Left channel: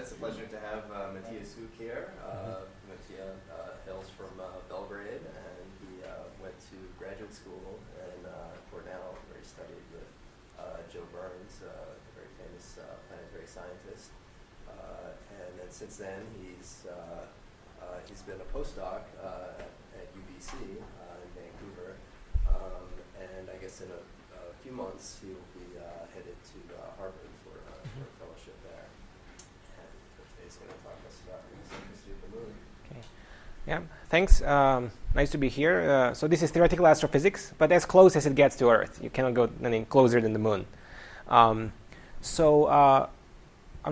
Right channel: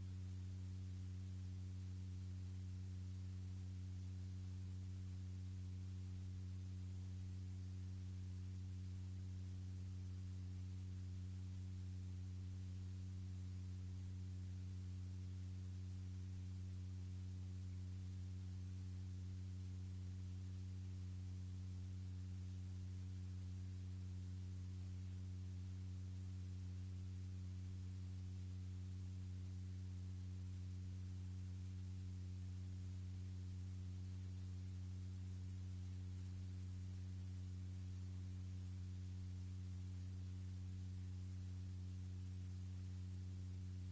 It's a pleasure to have Matija here. Matija hails from Belgrade, and he went to graduate school in Cornell, where he studied with Jovian, a very famous planetary scientist. And then since then, he's been a postdoc at UBC in Vancouver. And I guess in a few months, he'll be headed to Harvard for a fellowship there. And today's going to talk to us about the eccentricity of the moon. Okay. Yeah, thanks. Nice to be here. So this is theoretical astrophysics, but as close as it gets to Earth. You cannot go any closer than the moon. I'm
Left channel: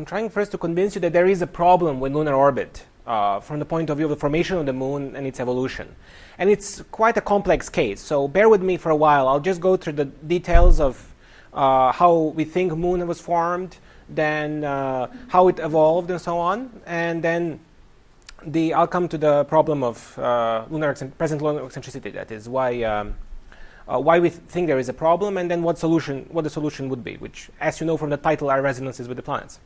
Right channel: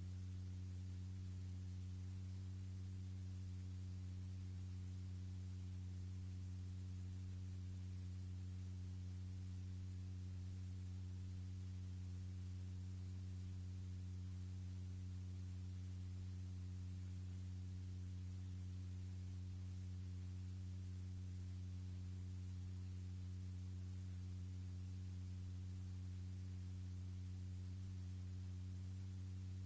trying first to convince you that there is a problem with lunar orbit from the point of view of the formation of the moon and its evolution. And it's quite a complex case, so bear with me for a while. I'll just go through the details of how we think moon was formed, then how it evolved and so on, and then I'll come to the problem of present lunar eccentricity, that is, why we think there is a problem, and then what the solution would be, which, as you know from the title, are resonances with the planets.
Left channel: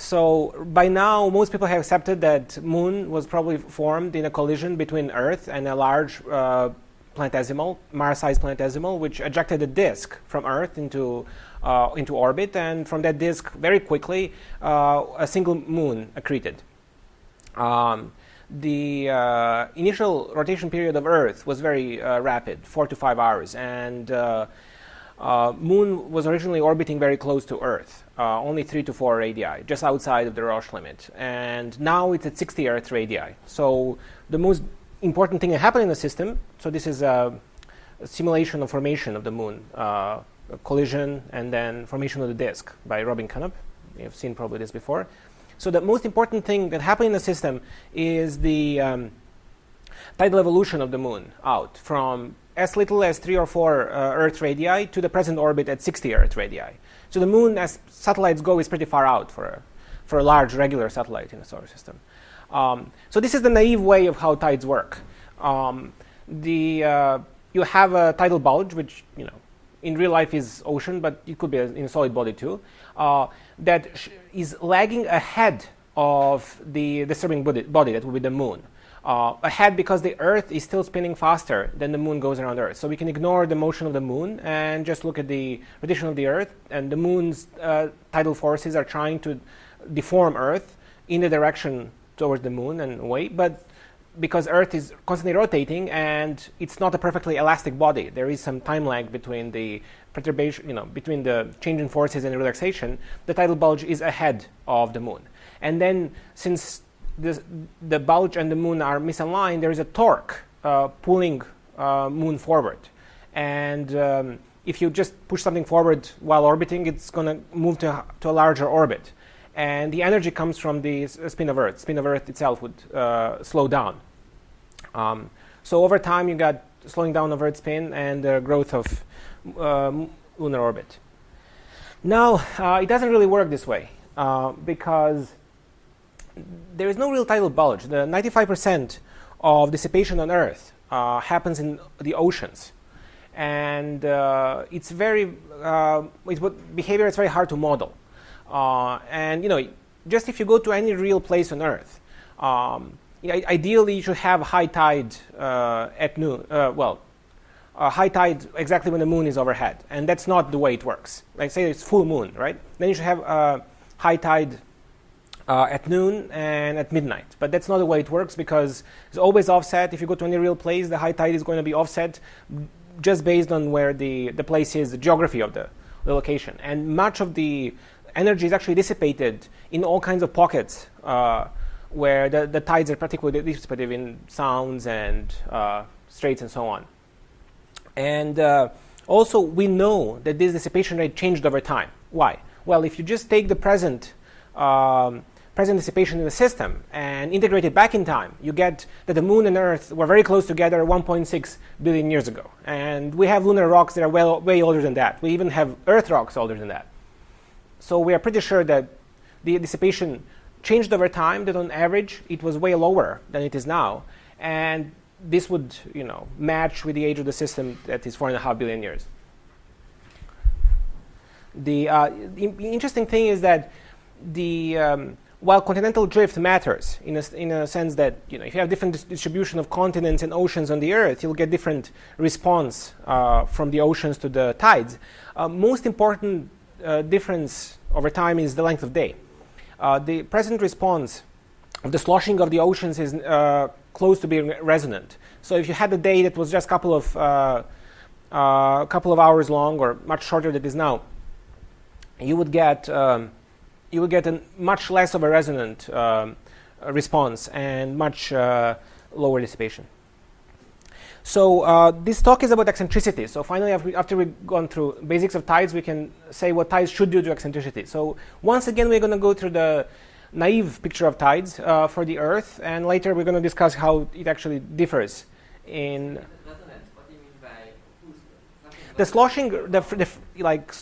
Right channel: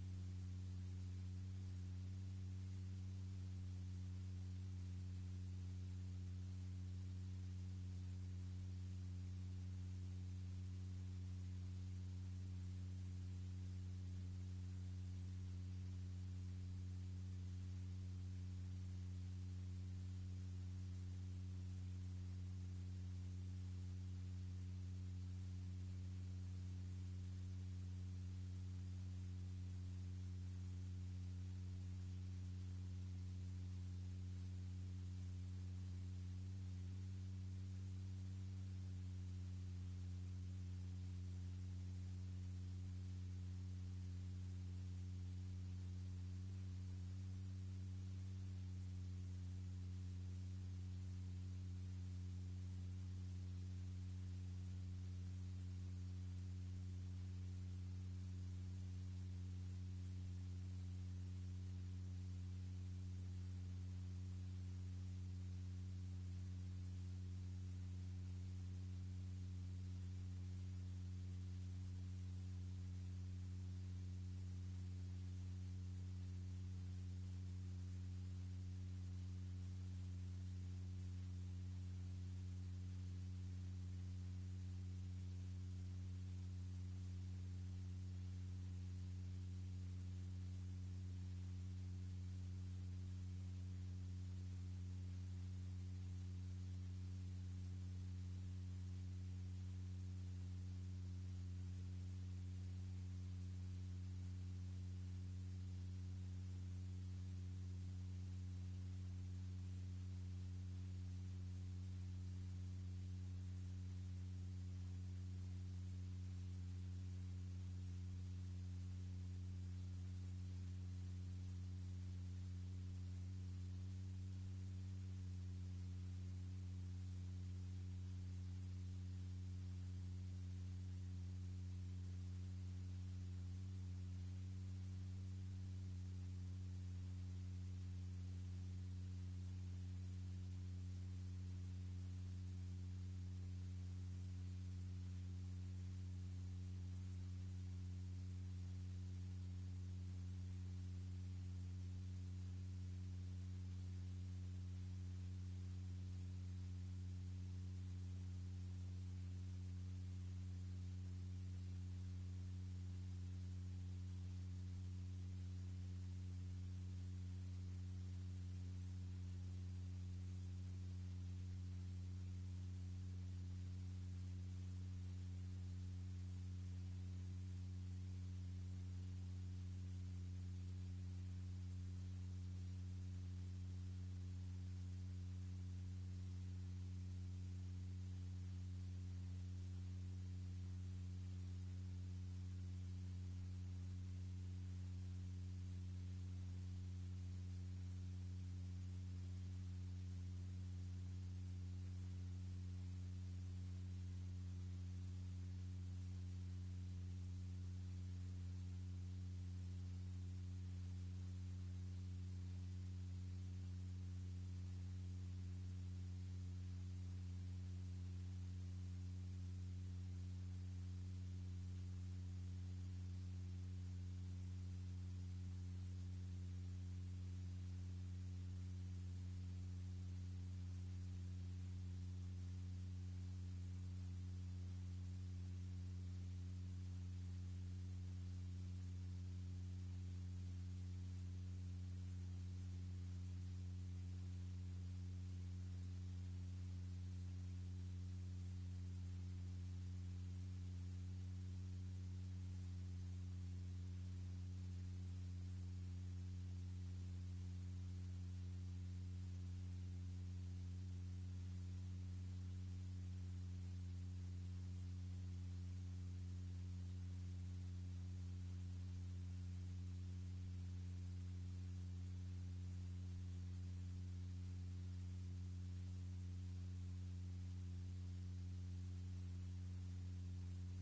So by now, most people have accepted that moon was probably formed in a collision between Earth and a large planetesimal, Mars-sized planetesimal, which ejected a disk from Earth into orbit, and from that disk, very quickly, a single moon accreted. The initial rotation period of Earth was very rapid, 4 to 5 hours, and moon was originally orbiting very close to Earth, only 3 to 4 radii, just outside of the Roche limit. And now it's at 60 Earth radii. So the most important thing that happened in the system, so this is a simulation of formation of the moon, a collision and then formation of the disk by Robin Canup. You've seen probably this before. So the most important thing that happened in the system is the tidal evolution of the moon out from as little as 3 or 4 Earth radii to the present orbit at 60 Earth radii. So the moon, as satellites go, is pretty far out for a large regular satellite in the solar system. So this is the naive way of how tides work. You have a tidal bulge, which in real life is ocean, but it could be in a solid body too, that is lagging ahead of the disturbing body that will be the moon. Ahead because the Earth is still spinning faster than the moon goes around Earth. So we can ignore the motion of the moon and just look at the rotation of the Earth. And the moon's tidal forces are trying to deform Earth in the direction towards the moon and away. But because Earth is constantly rotating and it's not a perfectly elastic body, there is some time lag between the perturbation, between the change in forces and the relaxation. The tidal bulge is ahead of the moon. And then since the bulge and the moon are misaligned, there is a torque pulling moon forward. And if you just push something forward while orbiting, it's going to move to a larger orbit. And the energy comes from the spin of Earth. Spin of Earth itself would slow down. So over time, you got slowing down of Earth spin and the growth of lunar orbit. Now, it doesn't really work this way because there is no real tidal bulge. The 95% of dissipation on Earth happens in the oceans. And it's behavior is very hard to model. And just if you go to any real place on Earth, ideally you should have high tide at noon. High tide exactly when the moon is overhead, and that's not the way it works. Like say it's full moon, right? Then you should have high tide at noon and at midnight. But that's not the way it works because it's always offset. If you go to any real place, the high tide is going to be offset just based on where the place is, the geography of the location. And much of the energy is actually dissipated in all kinds of pockets where the tides are particularly dissipative in sounds and straits and so on. And also, we know that this dissipation rate changed over time. Why? Well, if you just take the present dissipation in the system and integrate it back in time, you get that the moon and Earth were very close together 1.6 billion years ago. And we have lunar rocks that are way older than that. We even have Earth rocks older than that. So we are pretty sure that the dissipation changed over time, that on average it was way lower than it is now. And this would match with the age of the system that is 4.5 billion years. The interesting thing is that while continental drift matters in a sense that if you have different distribution of continents and oceans on the Earth, you'll get different response from the oceans to the tides. Most important difference over time is the length of day. The present response of the sloshing of the oceans is close to being resonant. So if you had a day that was just a couple of hours long or much shorter than it is now, you would get a much less of a resonant response and much lower dissipation. So this talk is about eccentricity. So finally, after we've gone through basics of tides, we can say what tides should do to eccentricity. So once again, we're going to go through the naive picture of tides for the Earth, and later we're going to discuss how it actually differs in What do you mean by the sloshing.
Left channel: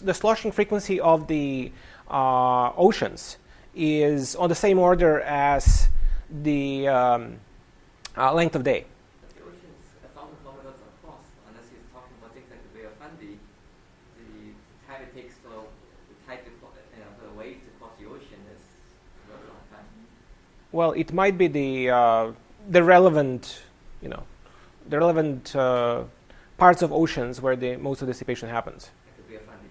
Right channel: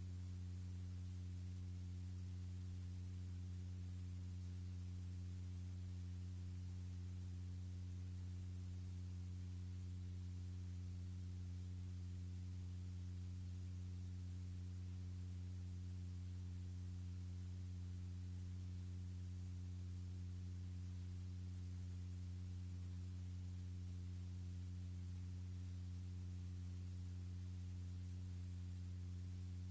The sloshing frequency of the oceans is on the same order as the length of day. But the ocean is 1,000 kilometers across. Unless you're talking about things like the Bay of Fundy, the time it takes for the waves to cross the ocean is a very long time. Well, it might be the relevant, the relevant parts of oceans where the most of the dissipation happens. Like the Bay of Fundy.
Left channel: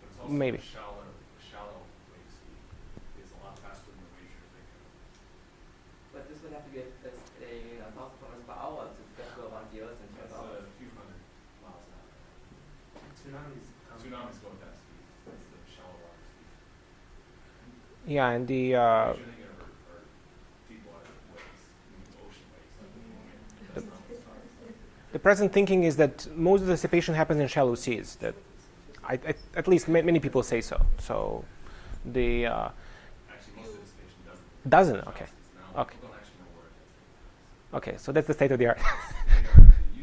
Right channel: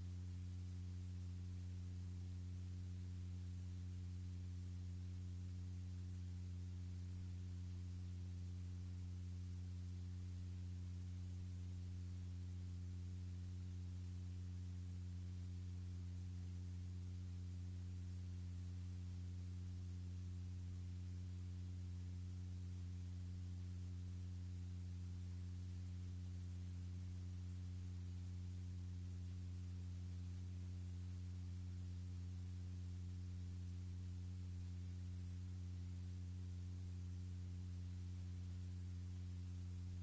But it's also Maybe. shallow wave speed is a lot faster than the wave you're thinking of. But this would have to be a 1,000 kilometers per hour to get go around the Earth in 12 That's hours. a few hundred miles an hour. Tsunamis go at that speed. That's the shallow water speed. Yeah, and the What you're thinking of are deep water waves, ocean waves, like the The present thinking is that most of the dissipation happens in shallow seas. That, at least many people say so. So, the actually most of the dissipation doesn't. Shallow Okay, seas now. Okay. People don't actually know where it is. okay. So that's the state of the art. It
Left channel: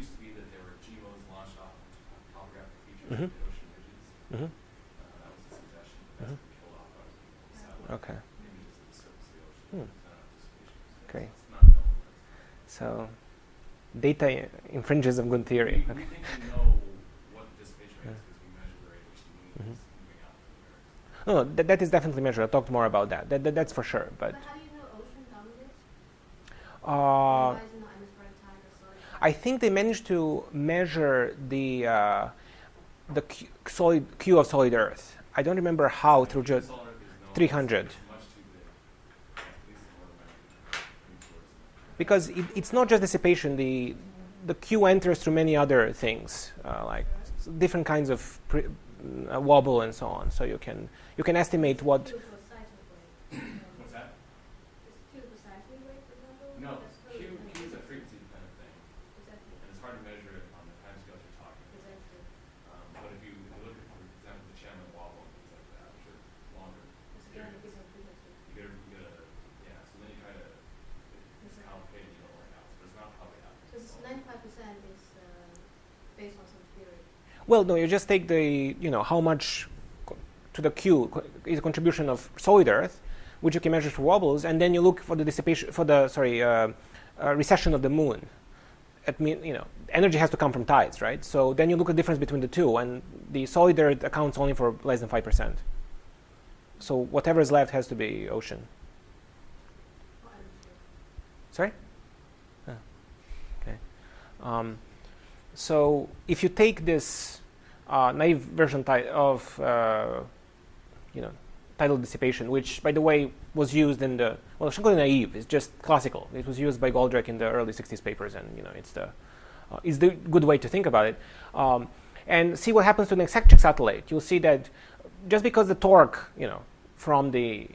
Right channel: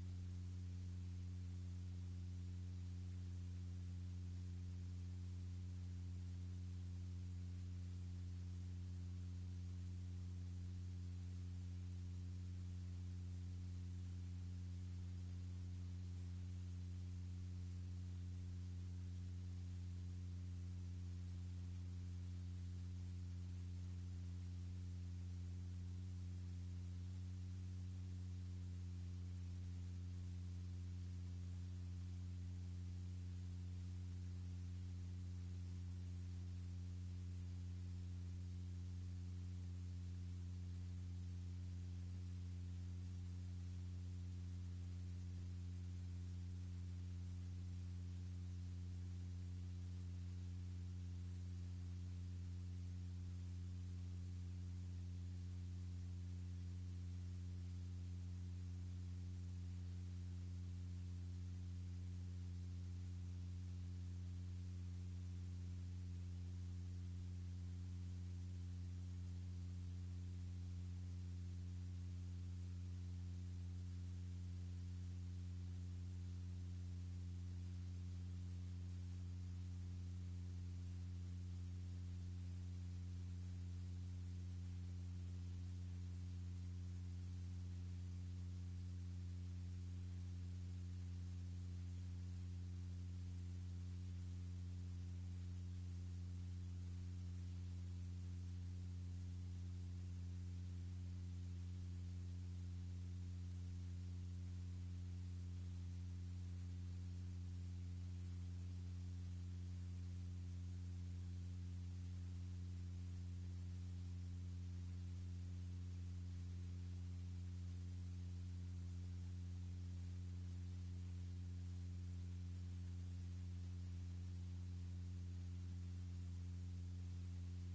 used to be that there were GMOs launched off of topographic features Mhm. of the ocean ridges. Mhm. That was the suggestion. That's been killed off by the satellite Okay. images of the surface of the ocean. Hmm. There's not enough dissipation. Okay. It's not known. So, data infringes of good theory. We Okay. think we know what the dissipation rate is because we measure the rate at which the moon is moving out from the Earth. No, that is definitely measured. I'll talk more about that. That's for sure. But But how do you know ocean dominates? uh, Why is it not atmospheric tide or solid tide? I think they managed to measure the solid Q of solid Earth. I don't remember how through just Solar Earth is known 300. as much too big. At least in order to measure Because it's not just dissipation. The Q enters through many other things, like different kinds of wobble and so on. So you can estimate what. Q for seismic wave. What's that? Is Q for seismic wave, for example? No, That's Q totally is a dependent. frequency dependent thing, Exactly. and it's hard to measure it on the timescales you're talking. Exactly. But if you look at, for example, the Chandler wobble and things like that, which are longer Again, periods, it's a frequency. you get a yeah. So then you try to Exactly. allocate, where it happens, but it's not probably happening. So it's 95% is based on some theory. Well, no, you just take the how much to the Q is a contribution of solid Earth, which you can measure through wobbles, and then you look for the dissipation for the recession of the moon. Energy has to come from tides, right? So then you look at the difference between the two, and the solid Earth accounts only for less than 5%. So whatever is left has to be ocean. Or atmosphere. Sorry? Ah, okay. So if you take this naive version of tidal dissipation, which, by the way, was used in the it's not naive. It's just classical. It was used by Goldreich in the early '60s papers, and it's the good way to think about it. And see what happens to an eccentric satellite. You'll see that just because the torque, from the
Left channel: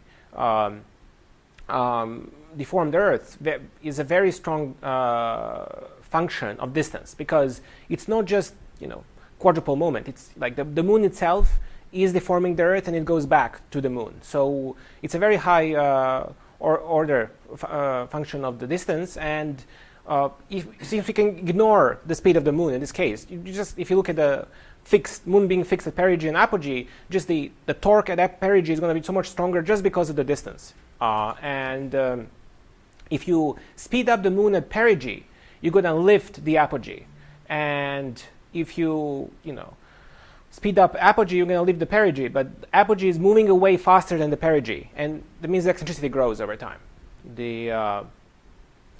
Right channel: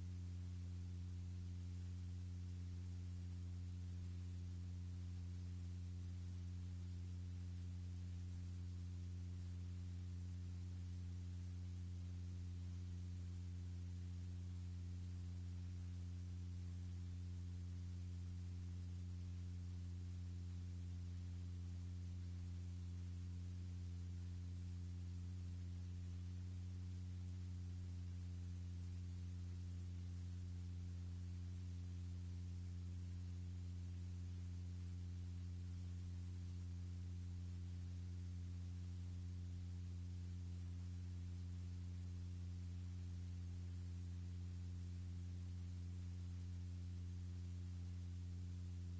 deformed Earth is a very strong function of distance, because it's not just quadrupole moment. It's like the moon itself is deforming the Earth and it goes back to the moon. So it's a very high order function of the distance. And if we can ignore the speed of the moon in this case, if you look at the moon being fixed at perigee and apogee, just the torque at perigee is going to be so much stronger just because of the distance. If you speed up the moon at perigee, you're going to lift the apogee. And if you speed up apogee, you're going to leave the perigee, but apogee is moving away faster than the perigee, and that means the eccentricity grows over time.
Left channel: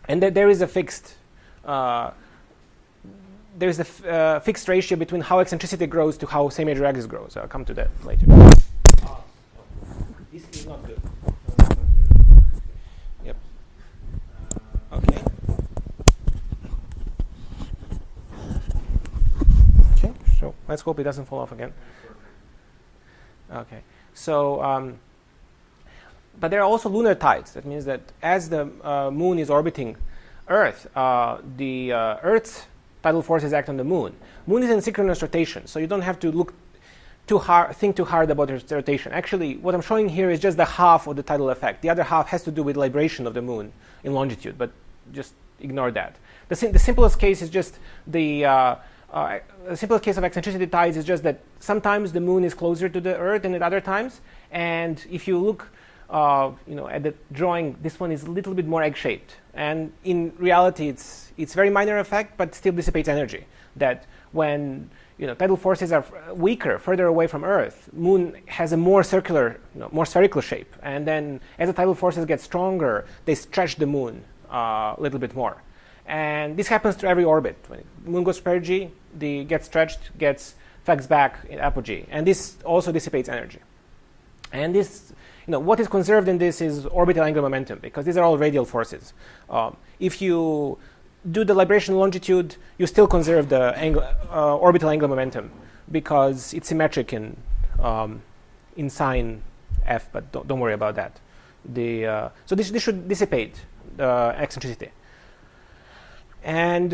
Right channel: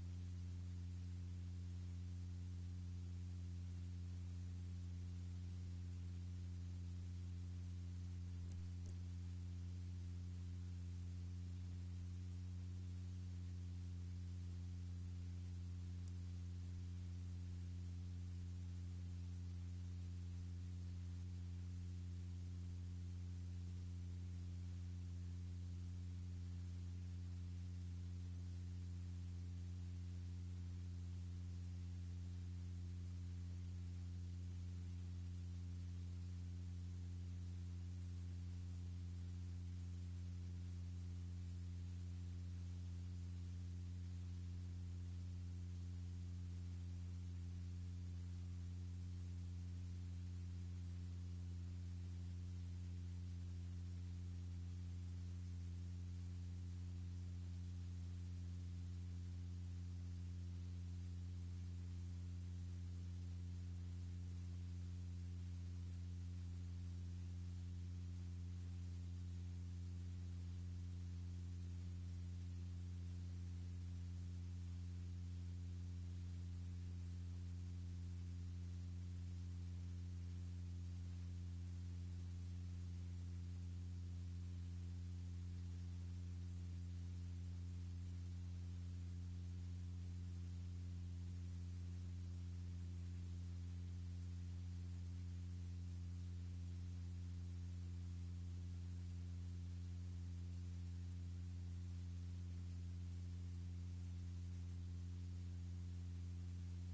And there is a fixed fixed ratio between how eccentricity grows to how same major axis grows. I'll come to that later. This is not good. Yep. Okay. Okay. So let's hope it doesn't fall off again. Okay. So, but there are also lunar tides. That means that as the moon is orbiting Earth, the Earth's tidal forces act on the moon. Moon is in synchronous rotation, so you don't have to think too hard about its rotation. Actually, what I'm showing here is just the half of the tidal effect. The other half has to do with libration of the moon in longitude, but just ignore that. The simplest case is just the simplest case of eccentricity tides is just that sometimes the moon is closer to the Earth than at other times, and if you look at the drawing, this one is a little bit more egg-shaped, and in reality it's very minor effect, but still dissipates energy. That when tidal forces are weaker, further away from Earth, moon has a more circular, more spherical shape, and then as the tidal forces get stronger, they stretch the moon a little bit more. And this happens to every orbit. When the moon goes to perigee, gets stretched, flex back in apogee, and this also dissipates energy. And this, what is conserved in this is orbital angular momentum, because these are all radial forces. If you do the libration longitude, you still conserve the orbital angular momentum, because it's symmetric in sine f, but don't worry about that. So this should dissipate the eccentricity. And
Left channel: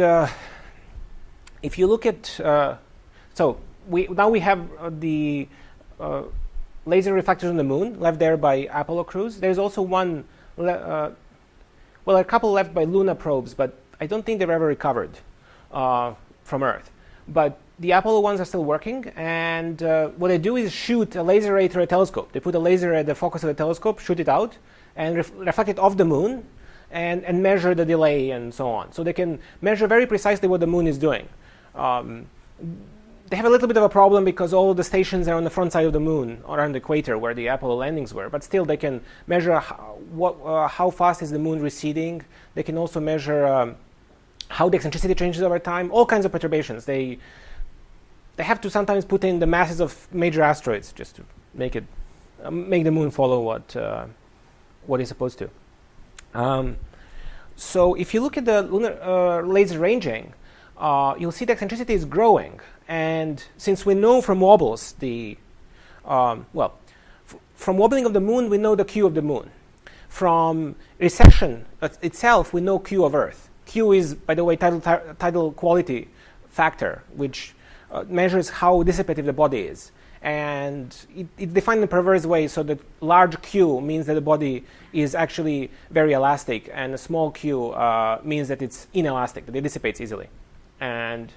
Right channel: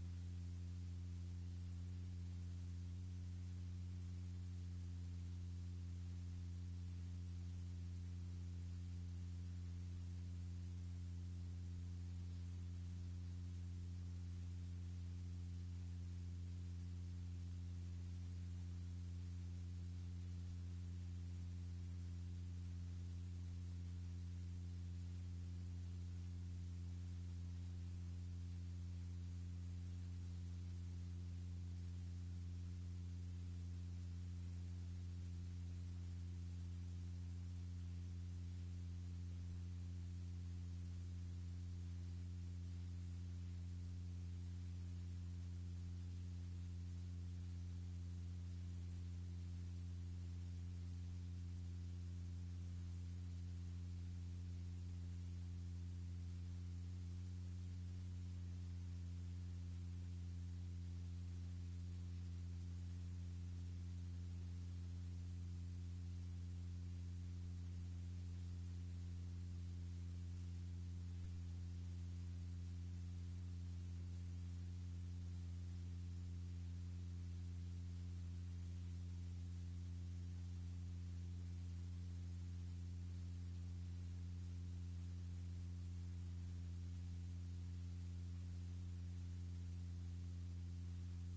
if you look at, now we have the laser reflectors on the moon left there by Apollo crews. There's also one, a couple left by Luna probes, but I don't think they've ever recovered from Earth. But the Apollo ones are still working, and what they do is shoot a laser ray through a telescope. They put a laser at the focus of the telescope, shoot it out, and reflect it off the moon, and measure the delay and so on. So they can measure very precisely what the moon is doing. They have a little bit of a problem because all the stations are on the front side of the moon, or on the equator where the Apollo landings were, but still they can measure how fast is the moon receding. They can also measure how the eccentricity changes over time, all kinds of perturbations. They have to sometimes put in the masses of major asteroids just to make the moon follow what it's supposed to. So if you look at the lunar laser ranging, you'll see the eccentricity is growing. And since we know from wobbles from wobbling of the moon, we know the Q of the moon. From recession itself, we know Q of Earth. Q is, by the way, tidal quality factor, which measures how dissipative the body is. And it's defined in a perverse way, so that large Q means that the body is actually very elastic, and a small Q means that it's inelastic, that it dissipates easily. And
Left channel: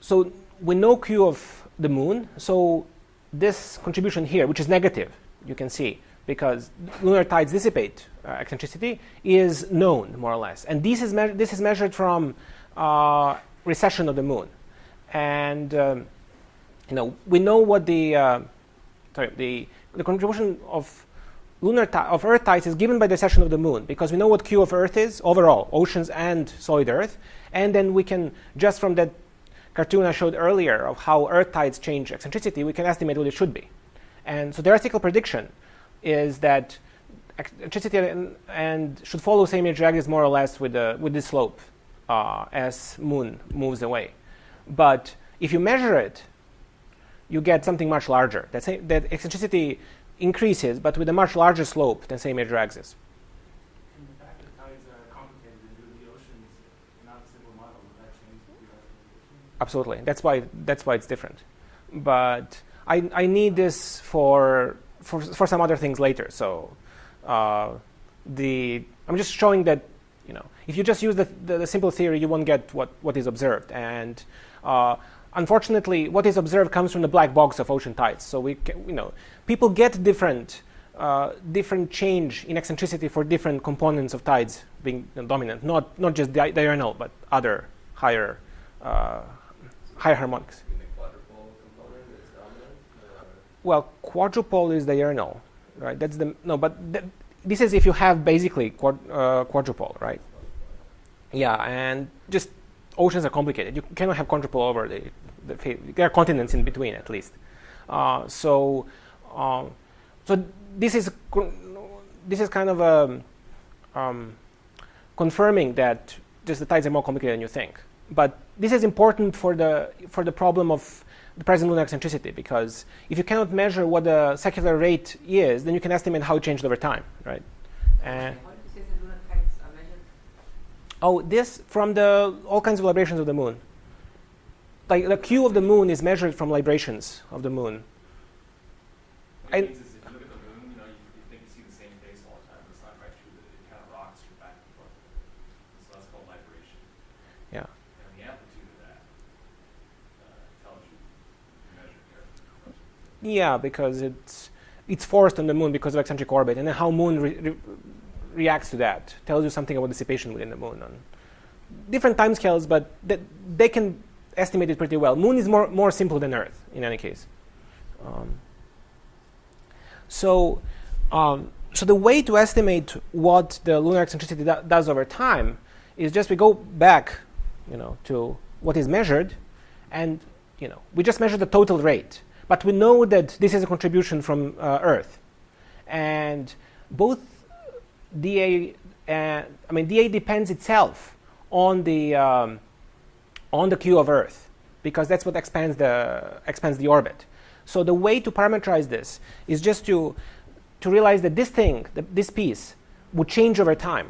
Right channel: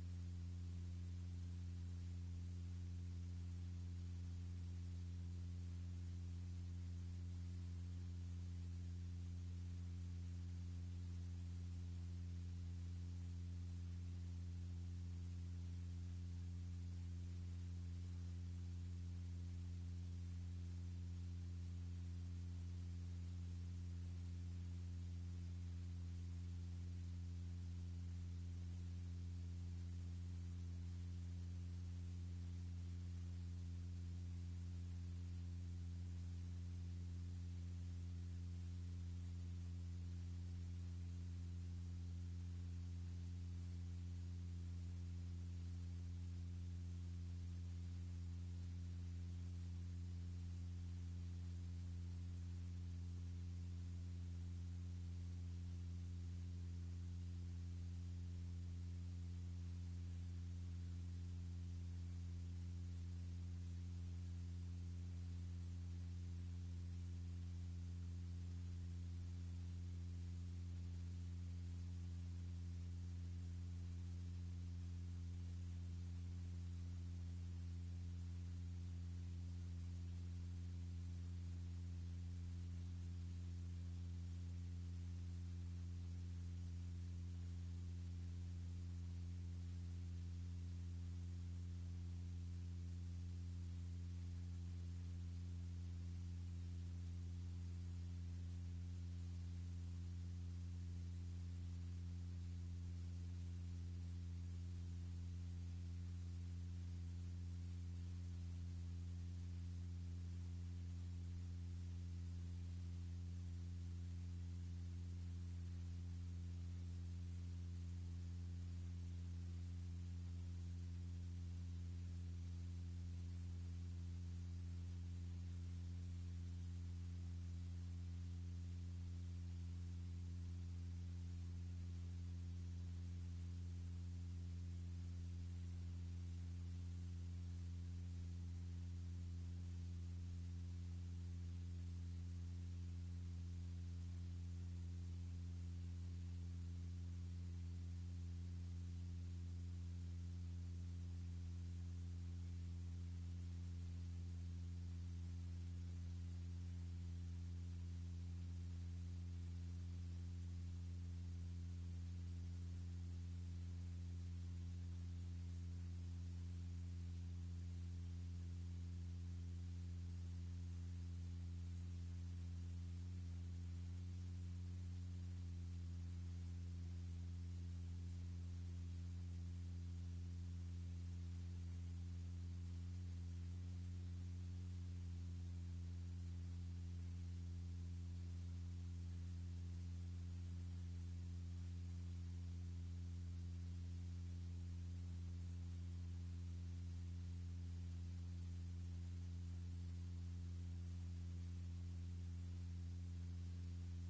so we know Q of the moon, so this contribution here, which is negative, you can see, because lunar tides dissipate eccentricity, is known, more or less. And this is measured from recession of the moon. And we know what the contribution of Earth tides is given by the recession of the moon, because we know what Q of Earth is overall, oceans and solid Earth, and then we can, just from that cartoon I showed earlier of how Earth tides change eccentricity, we can estimate what it should be. And so the theoretical prediction is that eccentricity and should follow same major axis more or less with this slope as moon moves away. But if you measure it, you get something much larger. That eccentricity increases, but with a much larger slope than same major axis. And the fact that tides are complicated to do the oceans, not a simple model, would that change the prediction? Absolutely. That's why it's different. But I need this for some other things later. So I'm just showing that if you just use the simple theory, you won't get what is observed. And unfortunately, what is observed comes from the black box of ocean tides. So people get different change in eccentricity for different components of tides being dominant, not just diurnal, but other higher harmonics. You make quadrupole Well, quadrupole is diurnal, right? That's the no, but this is if you have basically quadrupole, right? Yeah, and just oceans are complicated. You cannot have quadrupole over the there are continents in between at least. So this is kind of confirming that just the tides are more complicated than you think. But this is important for the problem of the present lunar eccentricity, because if you cannot measure what the secular rate is, then you can estimate how it changed over time, right? How did you say the lunar tides are measured? Oh, this from all kinds of librations of the moon. Like the Q of the moon is measured from librations of the moon. What it means is if you look at the moon, you think you see the same face all the time, but it's not quite true. It kind of rocks you back and forth. So that's called libration. Yeah. And the amplitude of that tells you measure the Earth. Yeah, because it's forced on the moon because of eccentric orbit, and then how moon reacts to that tells you something about dissipation within the moon on different timescales, but they can estimate it pretty well. Moon is more simple than Earth in any case. So the way to estimate what the lunar eccentricity does over time is just we go back, to what is measured, and we just measure the total rate. But we know that this is a contribution from Earth, and both dA dA depends itself on the Q of Earth, because that's what expands the orbit. So the way to parameterize this is just to realize that this piece would change over time,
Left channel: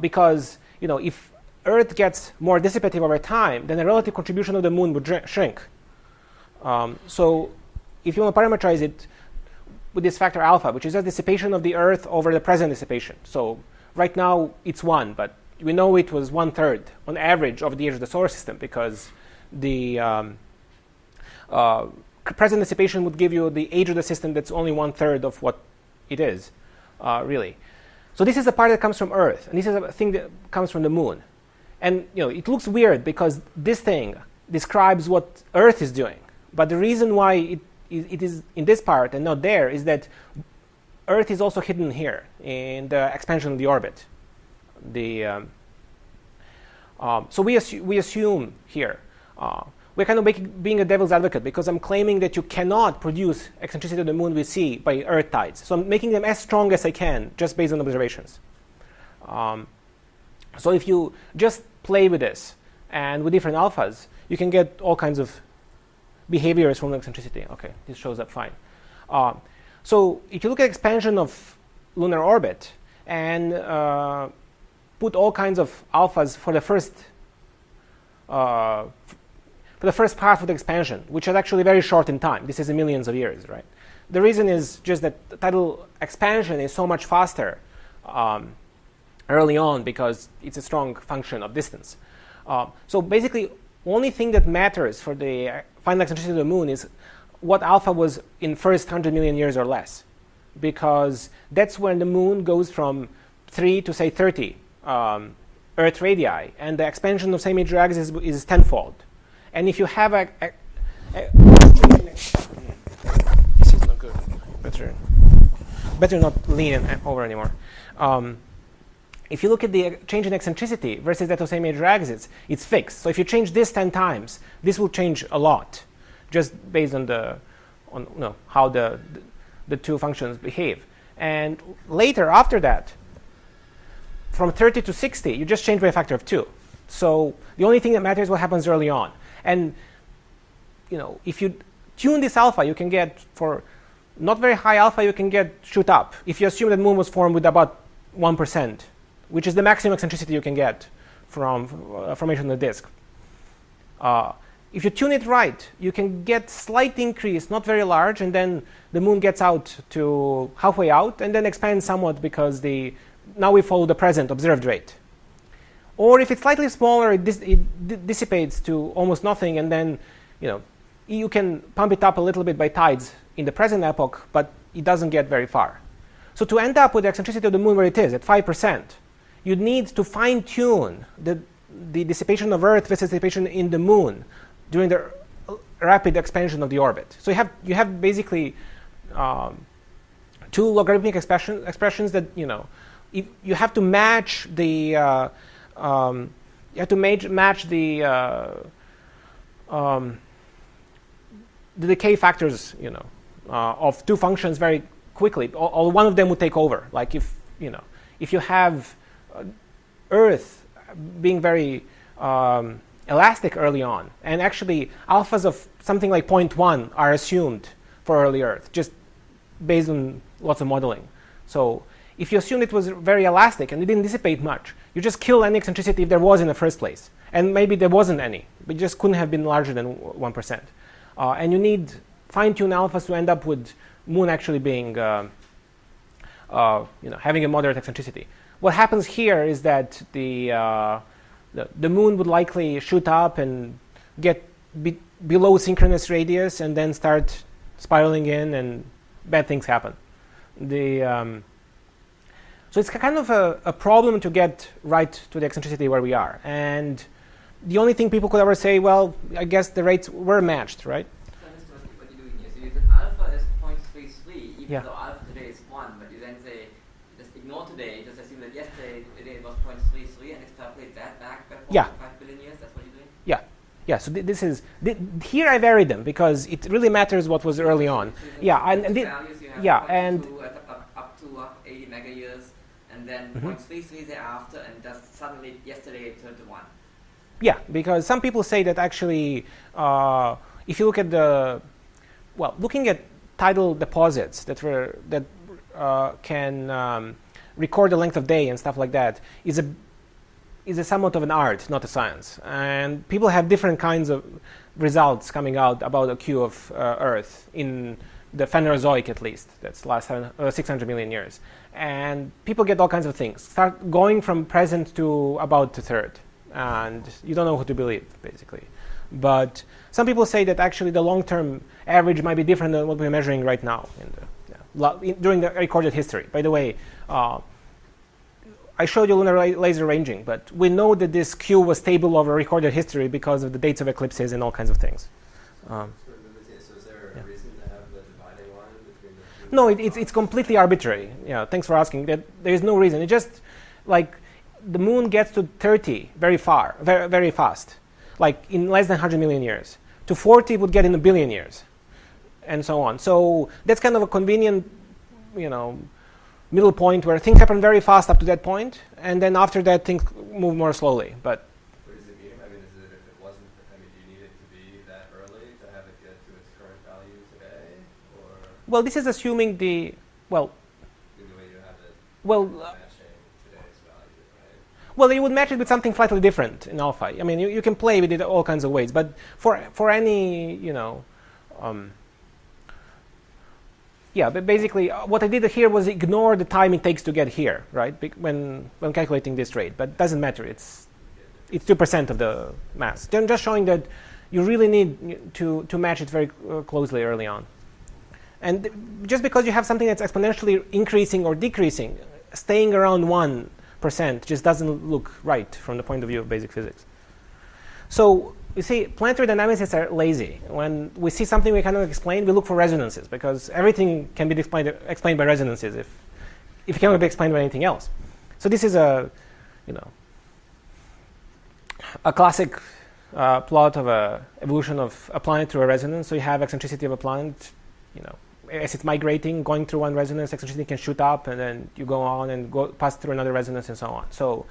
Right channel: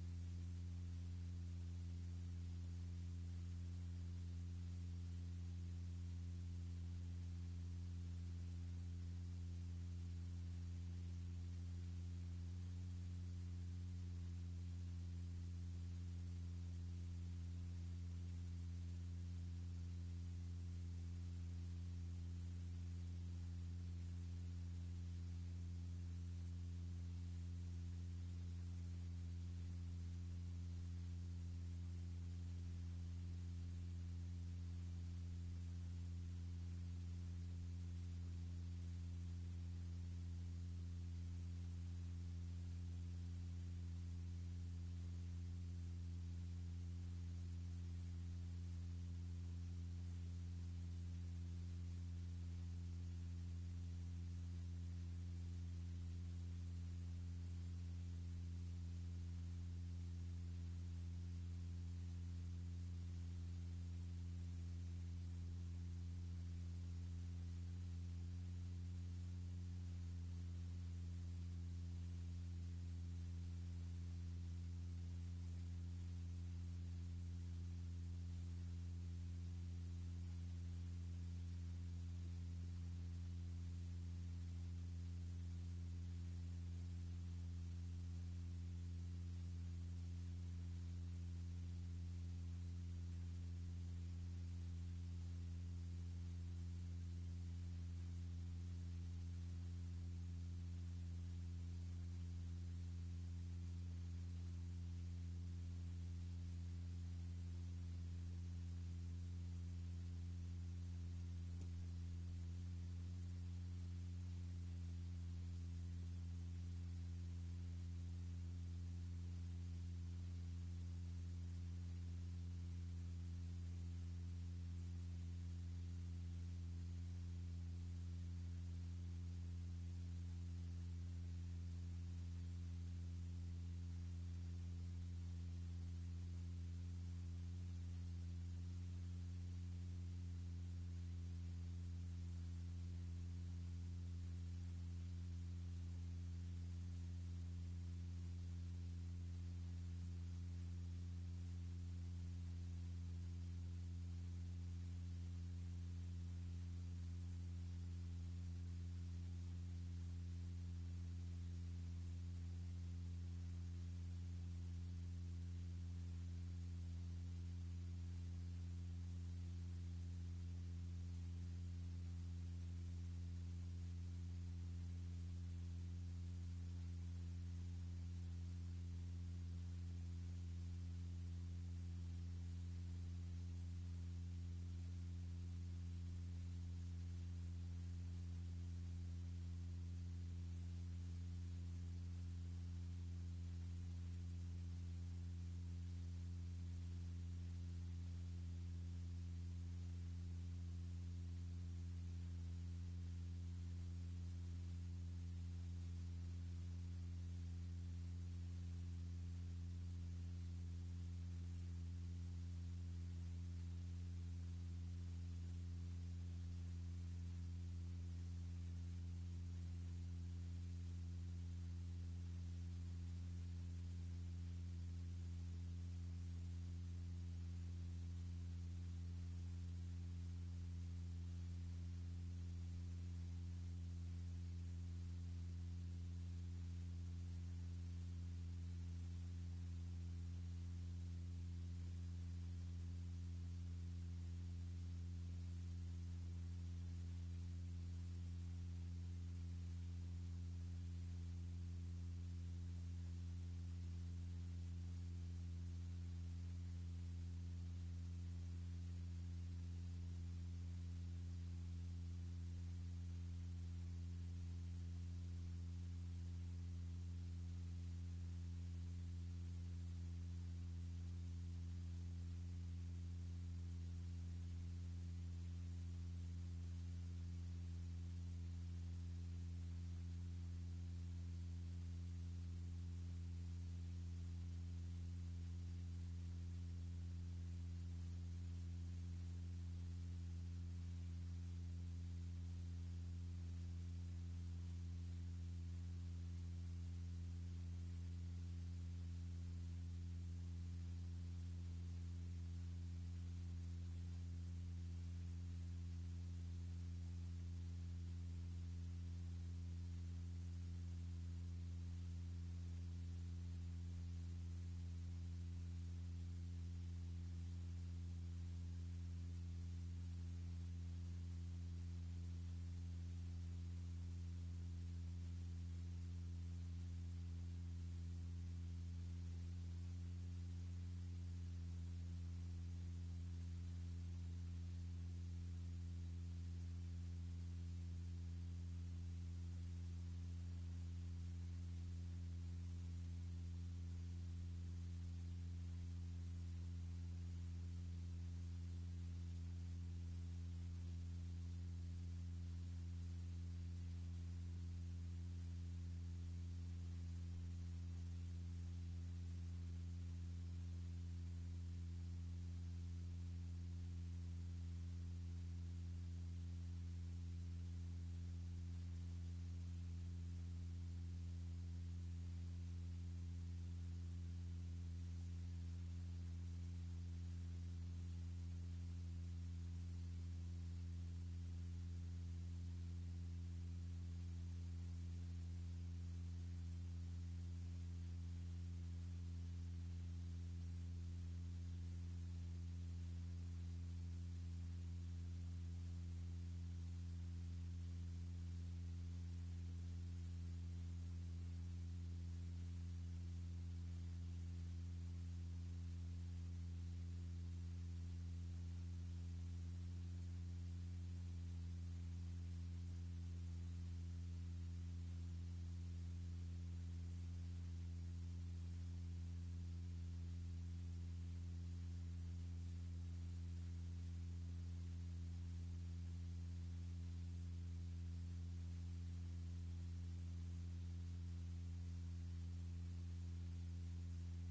because if Earth gets more dissipative over time, then the relative contribution of the moon would shrink. So if you want to parameterize it with this factor alpha, which is a dissipation of the Earth over the present dissipation. So right now it's 1, but we know it was 1/3 on average of the age of the solar system, because the present dissipation would give you the age of the system that's only 1/3 of what it is, really. So this is the part that comes from Earth, and this is a thing that comes from the moon. And it looks weird because this thing describes what Earth is doing. But the reason why it is in this part and not there is that Earth is also hidden here in the expansion of the orbit. So we assume here, we're kind of being a devil's advocate, because I'm claiming that you cannot produce eccentricity of the moon we see by Earth tides. So I'm making them as strong as I can just based on observations. So if you just play with this and with different alphas, you can get all kinds of behaviors from eccentricity. Okay, this shows up fine. So if you look at expansion of lunar orbit and put all kinds of alphas for the first path of the expansion, which is actually very short in time. This is in millions of years, right? The reason is just that tidal expansion is so much faster early on because it's a strong function of distance. So basically, only thing that matters for the final eccentricity of the moon is what alpha was in first 100 million years or less, because that's when the moon goes from 3 to say 30 Earth radii, and the expansion of same age axis is tenfold. And if you have this is not good. Better not lean over anymore. If you look at the change in eccentricity versus that of same age axis, it's fixed. So if you change this 10 times, this will change a lot, just based on how the two functions behave. And later, after that, from 30 to 60, you just change by a factor of 2. So the only thing that matters is what happens early on. And if you tune this alpha, you can get, for not very high alpha, you can get shoot up. If you assume that moon was formed with about 1%, which is the maximum eccentricity you can get from formation of the disk. If you tune it right, you can get slight increase, not very large, and then the moon gets out to halfway out, and then expands somewhat because now we follow the present observed rate. Or if it's slightly smaller, it dissipates to almost nothing, and then you can pump it up a little bit by tides in the present epoch, but it doesn't get very far. So to end up with the eccentricity of the moon where it is, at 5%, you need to fine-tune the dissipation of Earth versus dissipation in the moon during the rapid expansion of the orbit. So you have basically two logarithmic expressions that if you have to match the the decay factors of two functions very quickly, or one of them would take over. Like if you have Earth being very elastic early on, and actually alphas of something like 0.1 are assumed for early Earth, just based on lots of modeling. So if you assume it was very elastic and it didn't dissipate much, you just kill any eccentricity if there was in the first place. And maybe there wasn't any, but it just couldn't have been larger than 1%. And you need fine-tuned alphas to end up with Moon actually being, having a moderate eccentricity. What happens here is that the Moon would likely shoot up and get below synchronous radius and then start spiraling in, and bad things happen. So it's kind of a problem to get right to the eccentricity where we are. And the only thing people could ever say, well, I guess the rates were matched, right? So I understand what you're doing here. So you said alpha is 0.33, even though alpha today is 1, but you then say, just ignore today, just assume that yesterday it was 0.33 and extrapolate that back by 4.5 billion years. That's what you're doing? Yeah, so this is here I varied them because it really matters what was early on. Yeah, and up to 80 mega years, and then 0.33 thereafter, and just suddenly yesterday it turned to 1. Yeah, because some people say that actually, if you look at looking at tidal deposits that can record the length of day and stuff like that is a somewhat of an art, not a science. And people have different kinds of results coming out about a queue of Earth in the Phanerozoic, at least. That's last 600 million years. And people get all kinds of things. Start going from present to about a third. And you don't know who to believe, basically. But some people say that actually the long-term average might be different than what we're measuring right now during the recorded history. By the way, I showed you lunar laser ranging, but we know that this Q was stable over recorded history because of the dates of eclipses and all kinds of things. So is there a reason to have the dividing line between the two? No, it's completely arbitrary. Yeah, thanks for asking. There is no reason. It just like the Moon gets to 30 very far, very, very fast, like in less than 100 million years. To 40 it would get in a billion years, and so on. So that's kind of a convenient, middle point where things happen very fast up to that point, and then after that things move more slowly. But what does it mean? I mean, is it if it wasn't? I mean, do you need it to be that early to have it get to its current value today, or? Well, this is assuming the way you have it. Well. Matching today's value, right? Well, you would match it with something slightly different in alpha. I mean, you can play with it all kinds of ways, but for any, but basically what I did here was ignore the time it takes to get here, right? When calculating this rate, but it doesn't matter. It's 2% of the mass. Then just showing that you really need to match it very closely early on. And just because you have something that's exponentially increasing or decreasing, staying around 1% just doesn't look right from the point of view of basic physics. So you see, planetary dynamicists are lazy. When we see something we cannot explain, we look for resonances, because everything can be explained by resonances if it cannot be explained by anything else. So this is a classic plot of a evolution of a planet through a resonance. So you have eccentricity of a planet, as it's migrating, going through one resonance, eccentricity can shoot up, and then you go on and pass through another resonance, and so on. So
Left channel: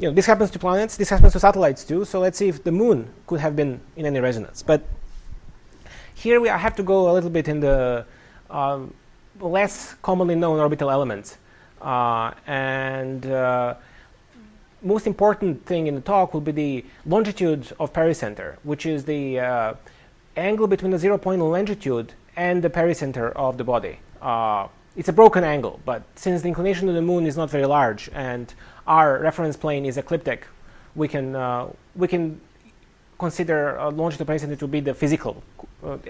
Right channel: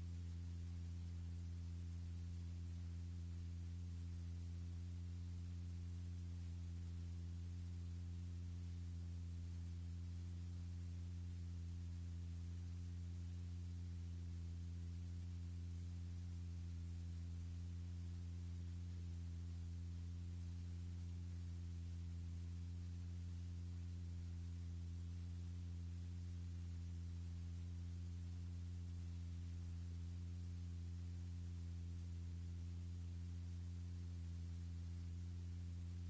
this happens to planets. This happens to satellites too. So let's see if the Moon could have been in any resonance. But here I have to go a little bit in the less commonly known orbital elements. Most important thing in the talk will be the longitude of pericenter, which is the angle between the 0 point longitude and the pericenter of the body. It's a broken angle, but since the inclination of the Moon is not very large and our reference plane is ecliptic, we can consider longitude of pericenter to be the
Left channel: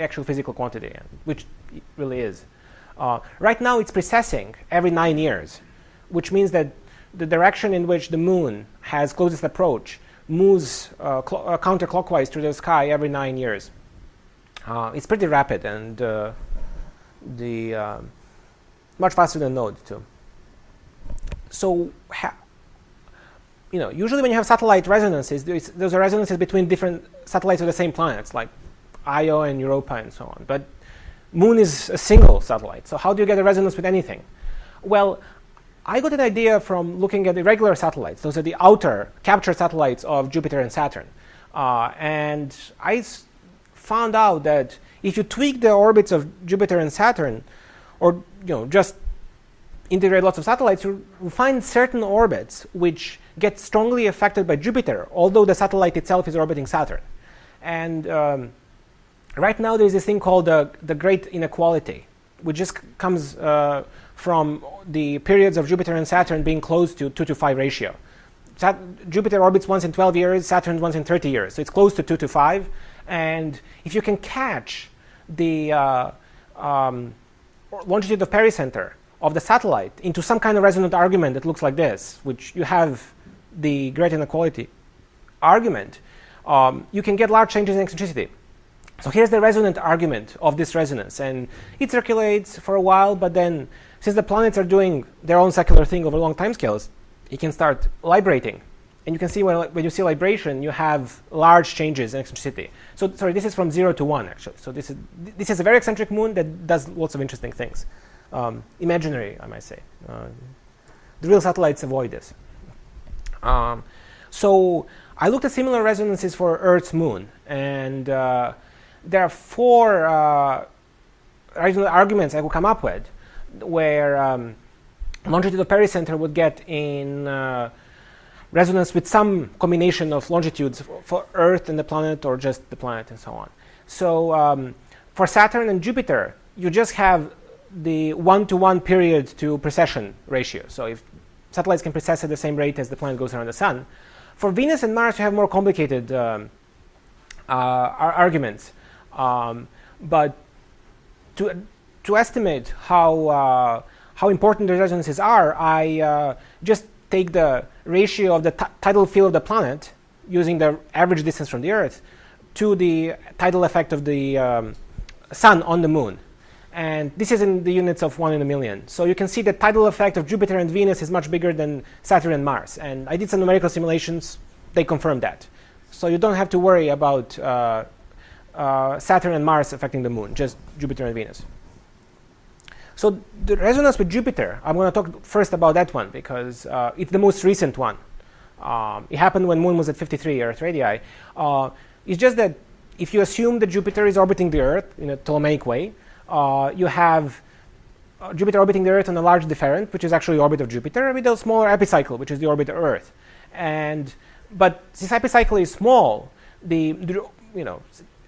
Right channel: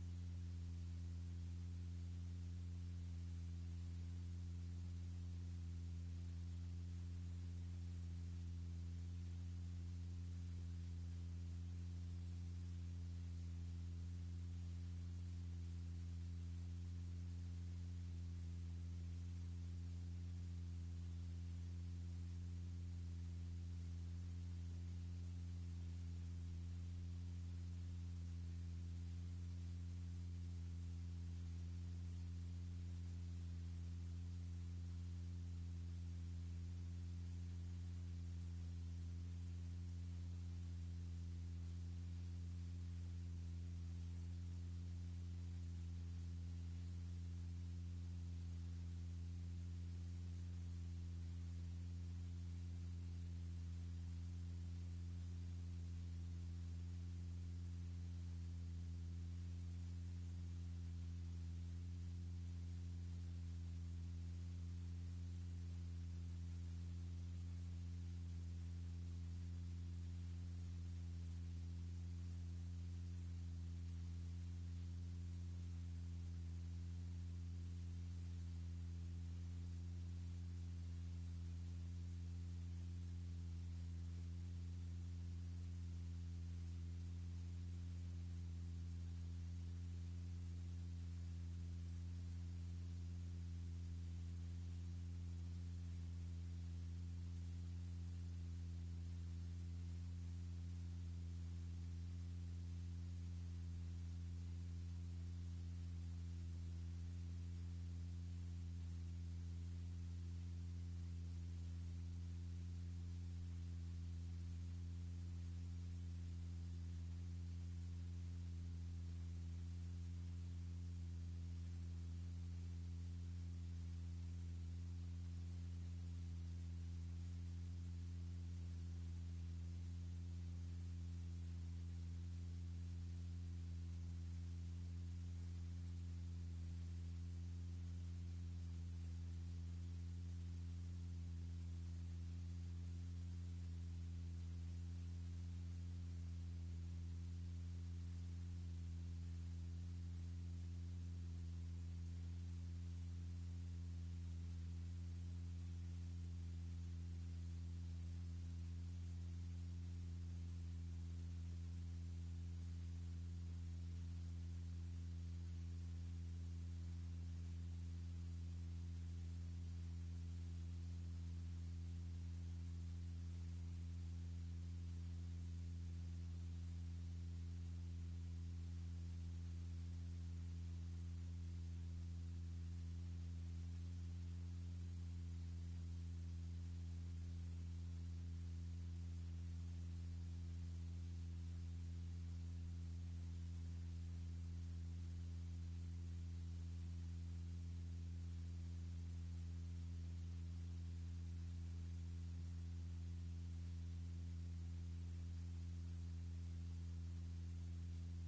actual physical quantity, which it really is. Right now it's precessing every 9 years, which means that the direction in which the Moon has closest approach moves counterclockwise through the sky every 9 years. It's pretty rapid and much faster than Node too. So, usually when you have satellite resonances, those are resonances between different satellites of the same planets, like Io and Europa and so on. But Moon is a single satellite, so how do you get a resonance with anything? Well, I got an idea from looking at irregular satellites. Those are the outer captured satellites of Jupiter and Saturn. And I found out that if you tweak the orbits of Jupiter and Saturn, or just integrate lots of satellites, you find certain orbits which get strongly affected by Jupiter, although the satellite itself is orbiting Saturn. And right now there's this thing called the Great Inequality, which just comes from the periods of Jupiter and Saturn being close to 2:5 ratio. Jupiter orbits once in 12 years, Saturn once in 30 years. So it's close to 2:5. And if you can catch the longitude of pericenter of the satellite into some kind of resonant argument that looks like this, which you have the Great Inequality argument, you can get large changes in eccentricity. So here's the resonant argument of this resonance, and it circulates for a while, but then since the planets are doing their own secular thing over long timescales, it can start librating. And you can see when you see libration, you have large changes in eccentricity. So sorry, this is from 0 to 1 actually. So this is a very eccentric moon that does lots of interesting things. Imaginary, I might say. The real satellites avoid this. So I looked at similar resonances for Earth's moon, and there are 4 arguments I could come up with where longitude of pericenter would get in resonance with some combination of longitudes for Earth and the planet, or just the planet and so on. So for Saturn and Jupiter, you just have the 1-to-1 period to precession ratio. So if satellites can precess at the same rate as the planet goes around the sun. For Venus and Mars, you have more complicated arguments. But to estimate how important the resonances are, I just take the ratio of the tidal field of the planet using the average distance from the Earth to the tidal effect of the sun on the moon. And this is in the units of 1 in a million. So you can see the tidal effect of Jupiter and Venus is much bigger than Saturn and Mars. And I did some numerical simulations. They confirmed that. So you don't have to worry about Saturn and Mars affecting the moon, just Jupiter and Venus. So the resonance with Jupiter, I'm going to talk first about that one because it's the most recent one. It happened when moon was at 53 Earth radii. It's just that if you assume that Jupiter is orbiting the Earth in a Ptolemaic way, you have Jupiter orbiting the Earth on a large different, which is actually the orbit of Jupiter, with a smaller epicycle, which is the orbit of Earth. But since epicycle is small, the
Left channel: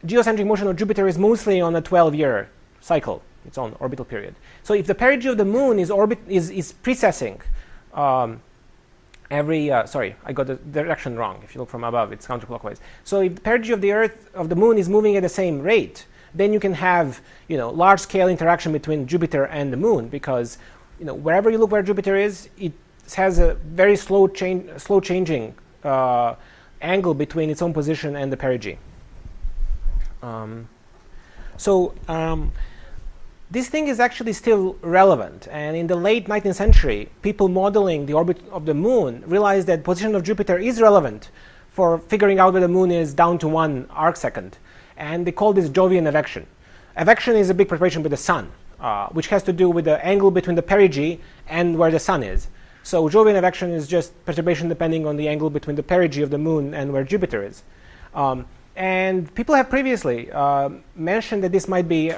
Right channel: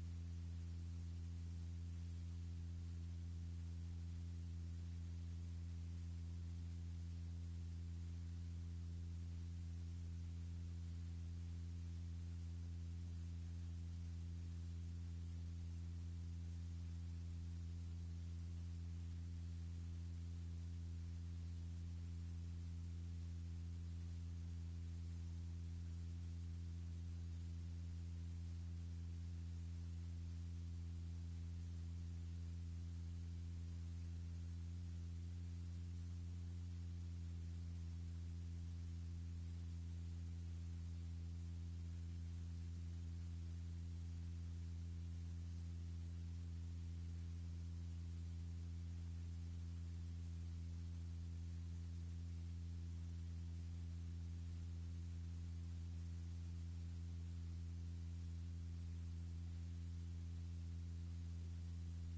geocentric motion of Jupiter is mostly on a 12-year cycle, its own orbital period. So if the perigee of the moon is precessing every sorry, I got the direction wrong. If you look from above, it's counterclockwise. So if the perigee of the moon is moving at the same rate, then you can have large-scale interaction between Jupiter and the moon, because wherever you look where Jupiter is, it has a very slow changing angle between its own position and the perigee. This thing is actually still relevant, and in the late 19th century, people modeling the orbit of the moon realized that position of Jupiter is relevant for figuring out where the moon is down to 1 arcsecond, and they call this Jovian evection. Evection is a big perturbation with the sun, which has to do with the angle between the perigee and where the sun is. So Jovian evection is just perturbation depending on the angle between the perigee of the moon and where Jupiter is. And people have previously mentioned that this might be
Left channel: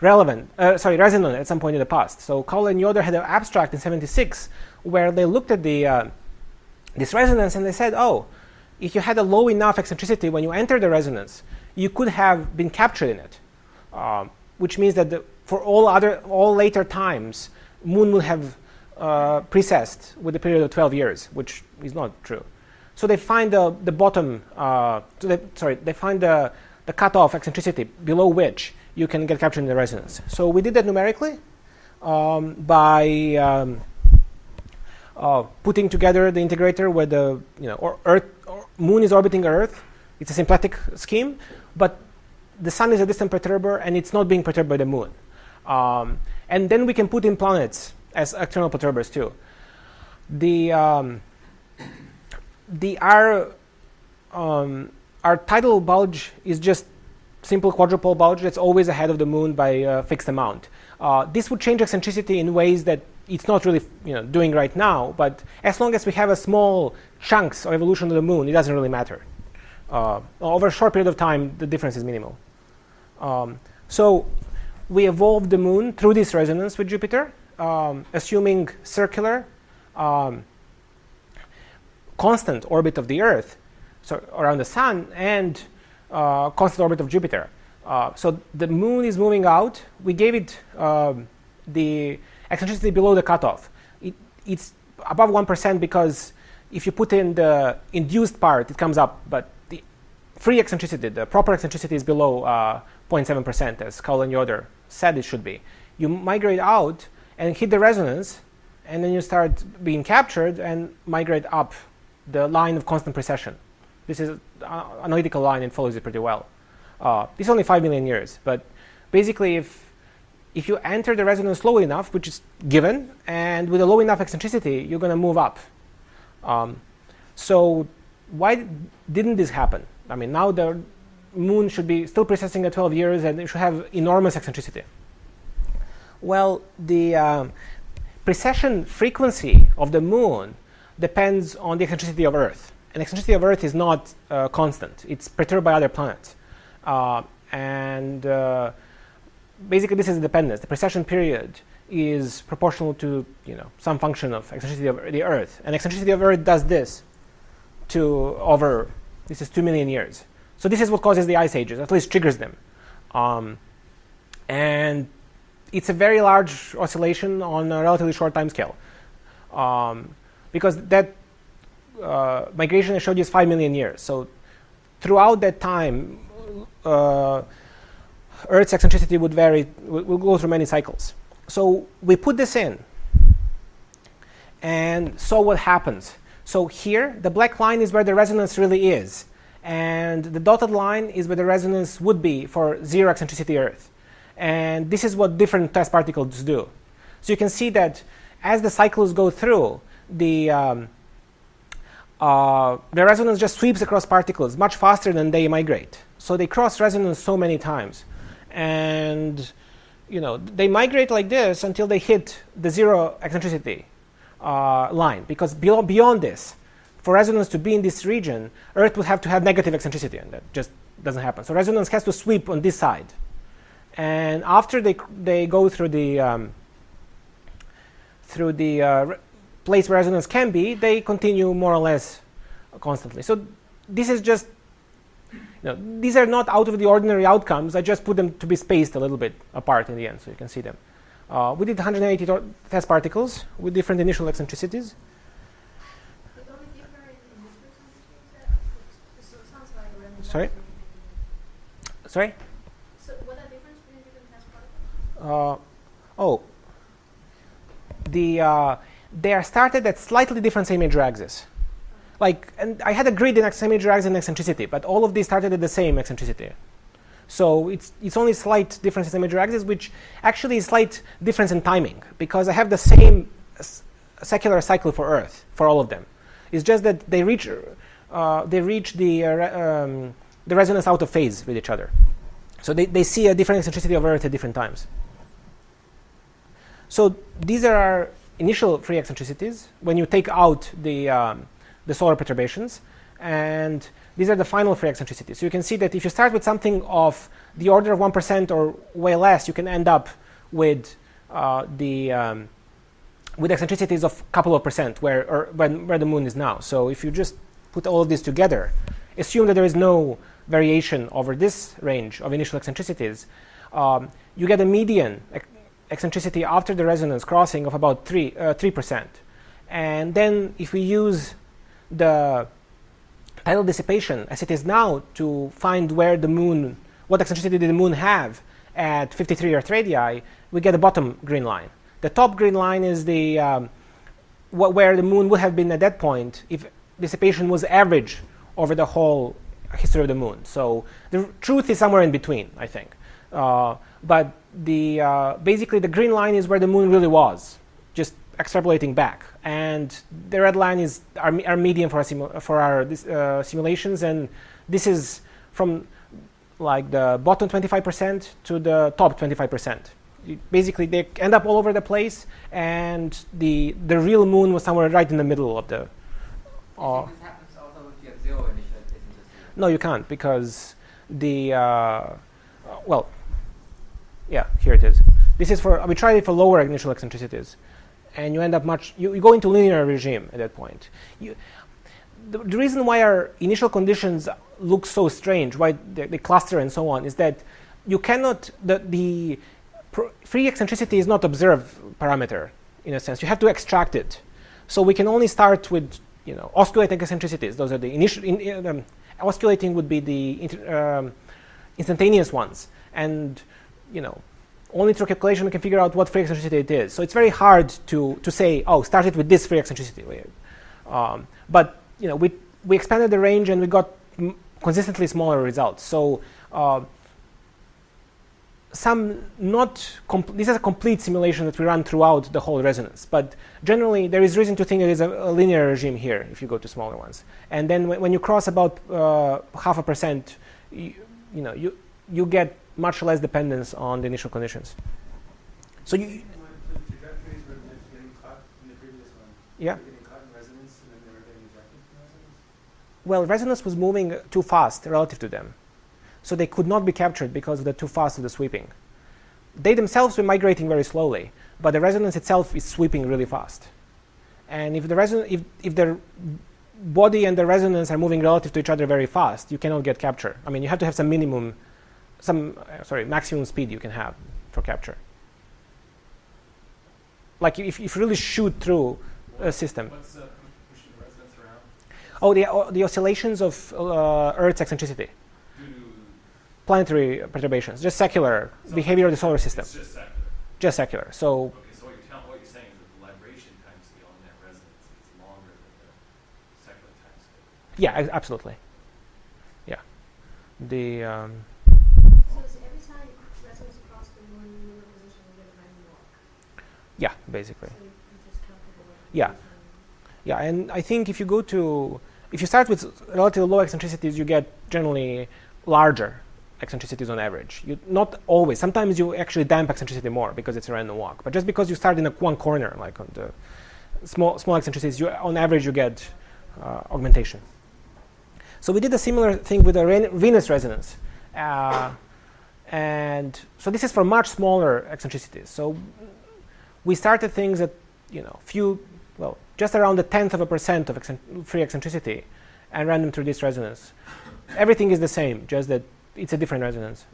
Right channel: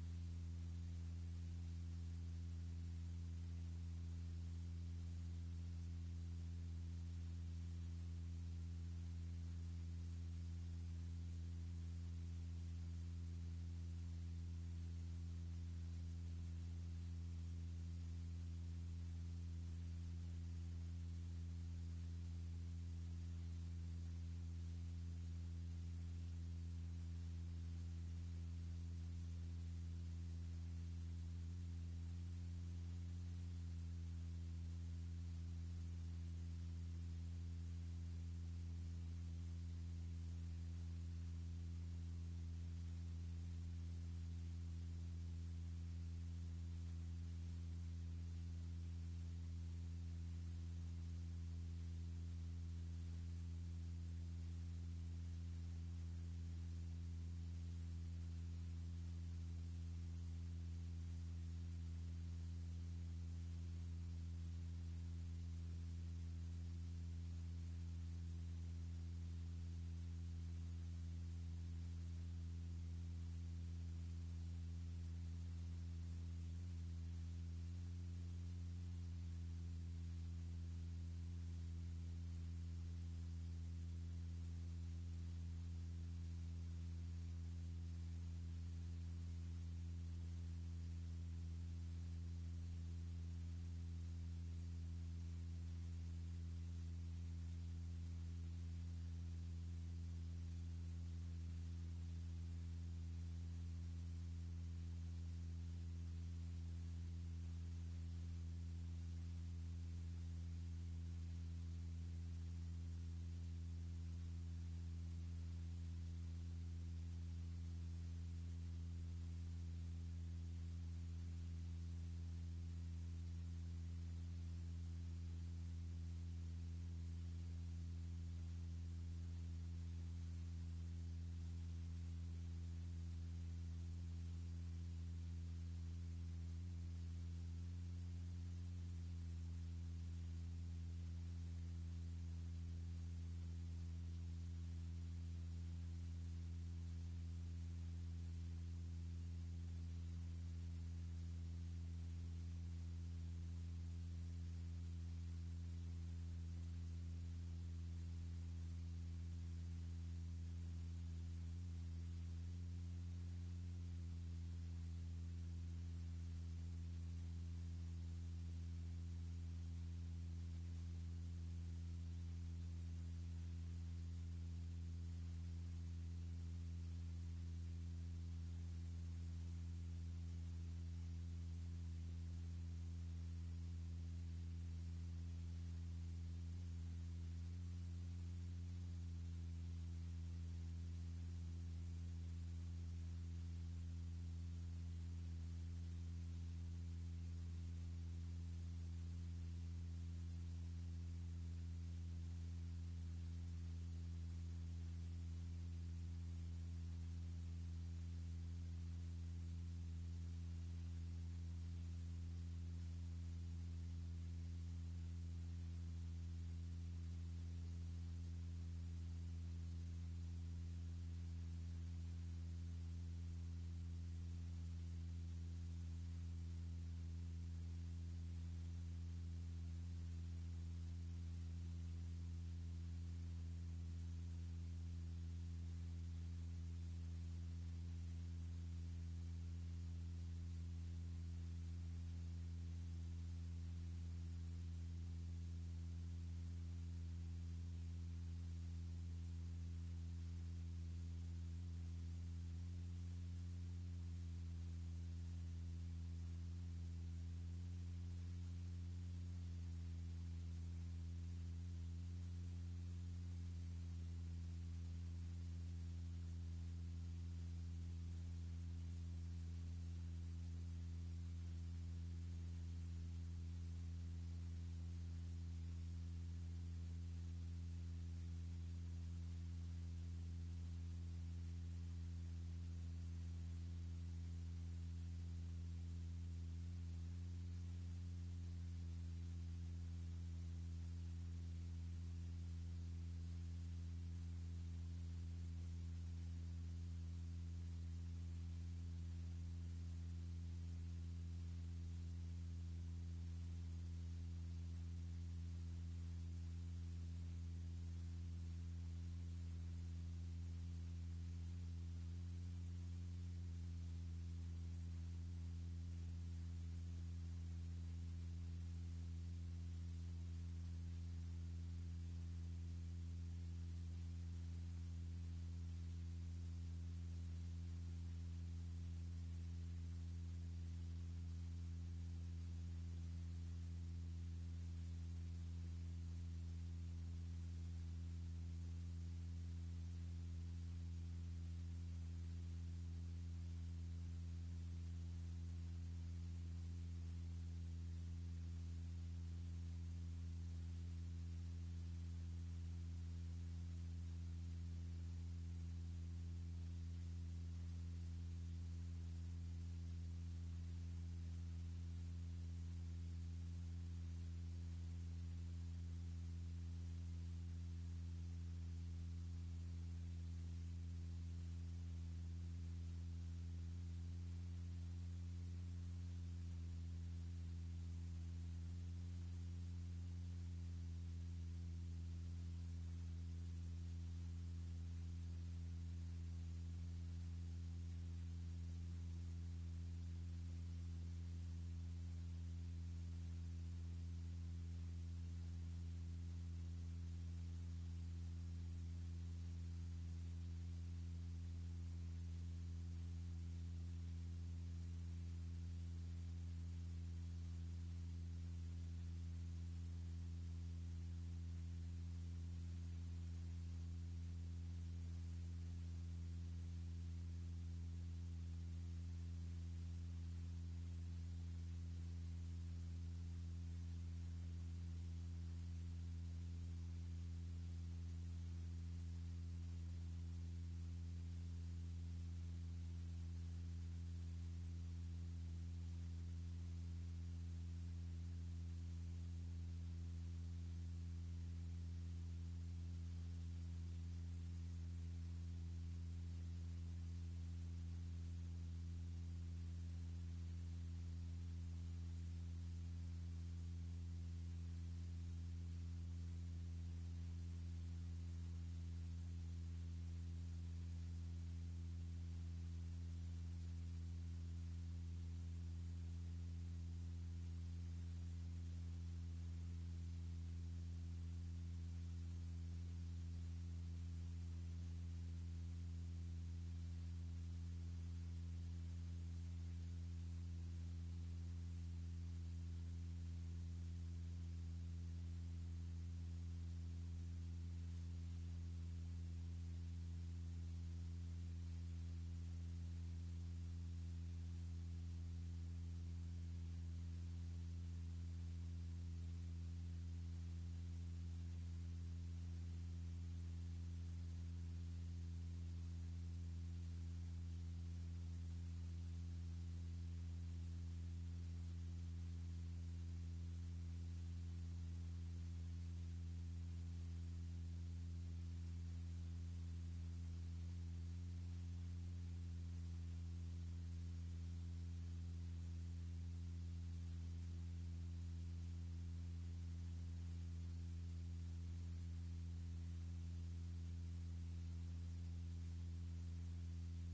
resonant at some point in the past. So Cowell and Yoder had an abstract in '76 where they looked at this resonance and they said, oh, if you had a low enough eccentricity when you enter the resonance, you could have been captured in it, which means that for all later times, moon will have precessed with a period of 12 years, which is not true. So they find the bottom, they find the cutoff eccentricity below which you can get captured in the resonance. So we did that numerically by putting together the integrator with the moon is orbiting Earth. It's a symplectic scheme, but the sun is a distant perturber, and it's not being perturbed by the moon. And then we can put in planets as external perturbers too. Our tidal bulge is just simple quadrupole bulge that's always ahead of the moon by a fixed amount. This would change eccentricity in ways that it's not really doing right now, but as long as we have a small chunks of evolution of the moon, it doesn't really matter. Over a short period of time, the difference is minimal. So we evolved the moon through this resonance with Jupiter, assuming circular, constant orbit of the Earth, so around the sun, and constant orbit of Jupiter. So the moon is moving out. We gave it the eccentricity below the cutoff. It's above 1% because if you put in the induced part, it comes up, but the free eccentricity, the proper eccentricity, is below 0.7%, as Cowell and Yoder said it should be. You migrate out and hit the resonance, and then you start being captured and migrate up the line of constant precession. This is an analytical line and follows it pretty well. This is only 5 million years, but basically if you enter the resonance slow enough, which is given, and with a low enough eccentricity, you're going to move up. So why didn't this happen? I mean, now the moon should be still precessing at 12 years, and it should have enormous eccentricity. Well, the precession frequency of the moon depends on the eccentricity of Earth. And eccentricity of Earth is not constant. It's perturbed by other planets. Basically, this is dependence. The precession period is proportional to some function of eccentricity of the Earth. And eccentricity of Earth does this this is 2 million years. So this is what causes the ice ages, at least triggers them. And it's a very large oscillation on a relatively short time scale. Because that migration I showed you is 5 million years. So throughout that time, Earth's eccentricity would vary, will go through many cycles. So we put this in and saw what happens. So here, the black line is where the resonance really is. And the dotted line is where the resonance would be for zero eccentricity Earth. And this is what different test particles do. So you can see that as the cycles go through, the resonance just sweeps across particles much faster than they migrate. So they cross resonance so many times. And they migrate like this until they hit the zero eccentricity line. Because beyond this, for resonance to be in this region, Earth would have to have negative eccentricity, and that just doesn't happen. So resonance has to sweep on this side. And after they go through the place where resonance can be, they continue more or less constantly. So this is just, these are not out of the ordinary outcomes. I just put them to be spaced a little bit apart in the end, so you can see them. We did 180 test particles with different initial eccentricities. But only different in this frequency? So it sounds like random. Sorry? Sorry? So what are the difference between different test particles? They are started at slightly different same major axis. And I had a grid in same major axis and eccentricity, but all of these started at the same eccentricity. So it's only slight difference in same major axis, which actually is slight difference in timing, because I have the same secular cycle for Earth for all of them. It's just that they reach the resonance out of phase with each other. So they see a different eccentricity of Earth at different times. So these are our initial free eccentricities when you take out the solar perturbations, and these are the final free eccentricities. So you can see that if you start with something of the order of 1% or way less, you can end up with eccentricities of a couple of percent where the moon is now. So if you just put all of this together, assume that there is no variation over this range of initial eccentricities, you get a median eccentricity after the resonance crossing of about 3%. And then if we use the tidal dissipation as it is now to find where the moon, what eccentricity did the moon have at 53 Earth radii, we get a bottom green line. The top green line is where the moon would have been at that point if dissipation was average over the whole history of the moon. So the truth is somewhere in between, I think. But basically the green line is where the moon really was, just extrapolating back. And the red line is our median for our simulations, and this is from like the bottom 25% to the top 25%. Basically, they end up all over the place, and the real moon was somewhere right in the middle of the. This happens also if you have zero initial eccentricity. No, you can't, because the well, yeah, here it is. This is for we tried it for lower initial eccentricities, and you end up you go into linear regime at that point. The reason why our initial conditions look so strange, why they cluster and so on, is that you cannot the free eccentricity is not observed parameter in a sense. You have to extract it. So we can only start with oscillating eccentricities. Those are the initial. Oscillating would be the instantaneous ones, and only through calculation we can figure out what free eccentricity it is. So it's very hard to say, oh, start it with this free eccentricity. But we expanded the range and we got consistently smaller results. So this is a complete simulation that we run throughout the whole resonance. But generally, there is reason to think there is a linear regime here if you go to smaller ones. And then when you cross about 0.5%, you get much less dependence on the initial conditions. So you. The trajectories were getting caught in the previous one. Yeah. They were getting caught in resonance, and then they were getting ejected from resonance. Well, resonance was moving too fast relative to them. So they could not be captured because of the too fast of the sweeping. They themselves were migrating very slowly, but the resonance itself is sweeping really fast. And if the body and the resonance are moving relative to each other very fast, you cannot get capture. I mean, you have to have some maximum speed you can have for capture. Like if you really shoot through a system. What's pushing the resonance around? Oh, the oscillations of Earth's eccentricity. Due to Planetary perturbations, just secular behavior of the solar system. It's just secular. Just secular. So Okay, so what you're saying is that the libration time scale in that resonance is longer than the secular time scale. yeah, absolutely. Yeah. The So is every time resonance across the one lunar position, you get a random walk? yeah, basically. So you just calculate what Yeah. Yeah, and I think if you start with relatively low eccentricities, you get generally larger eccentricities on average. Not always. Sometimes you actually damp eccentricity more because it's a random walk. But just because you start in one corner, like on the small eccentricities, on average you get augmentation. So we did a similar thing with the Venus resonance. And so this is for much smaller eccentricities. So we started things at just around the 0.1% of free eccentricity and ran them through this resonance. Everything is the same, just that it's a different resonance.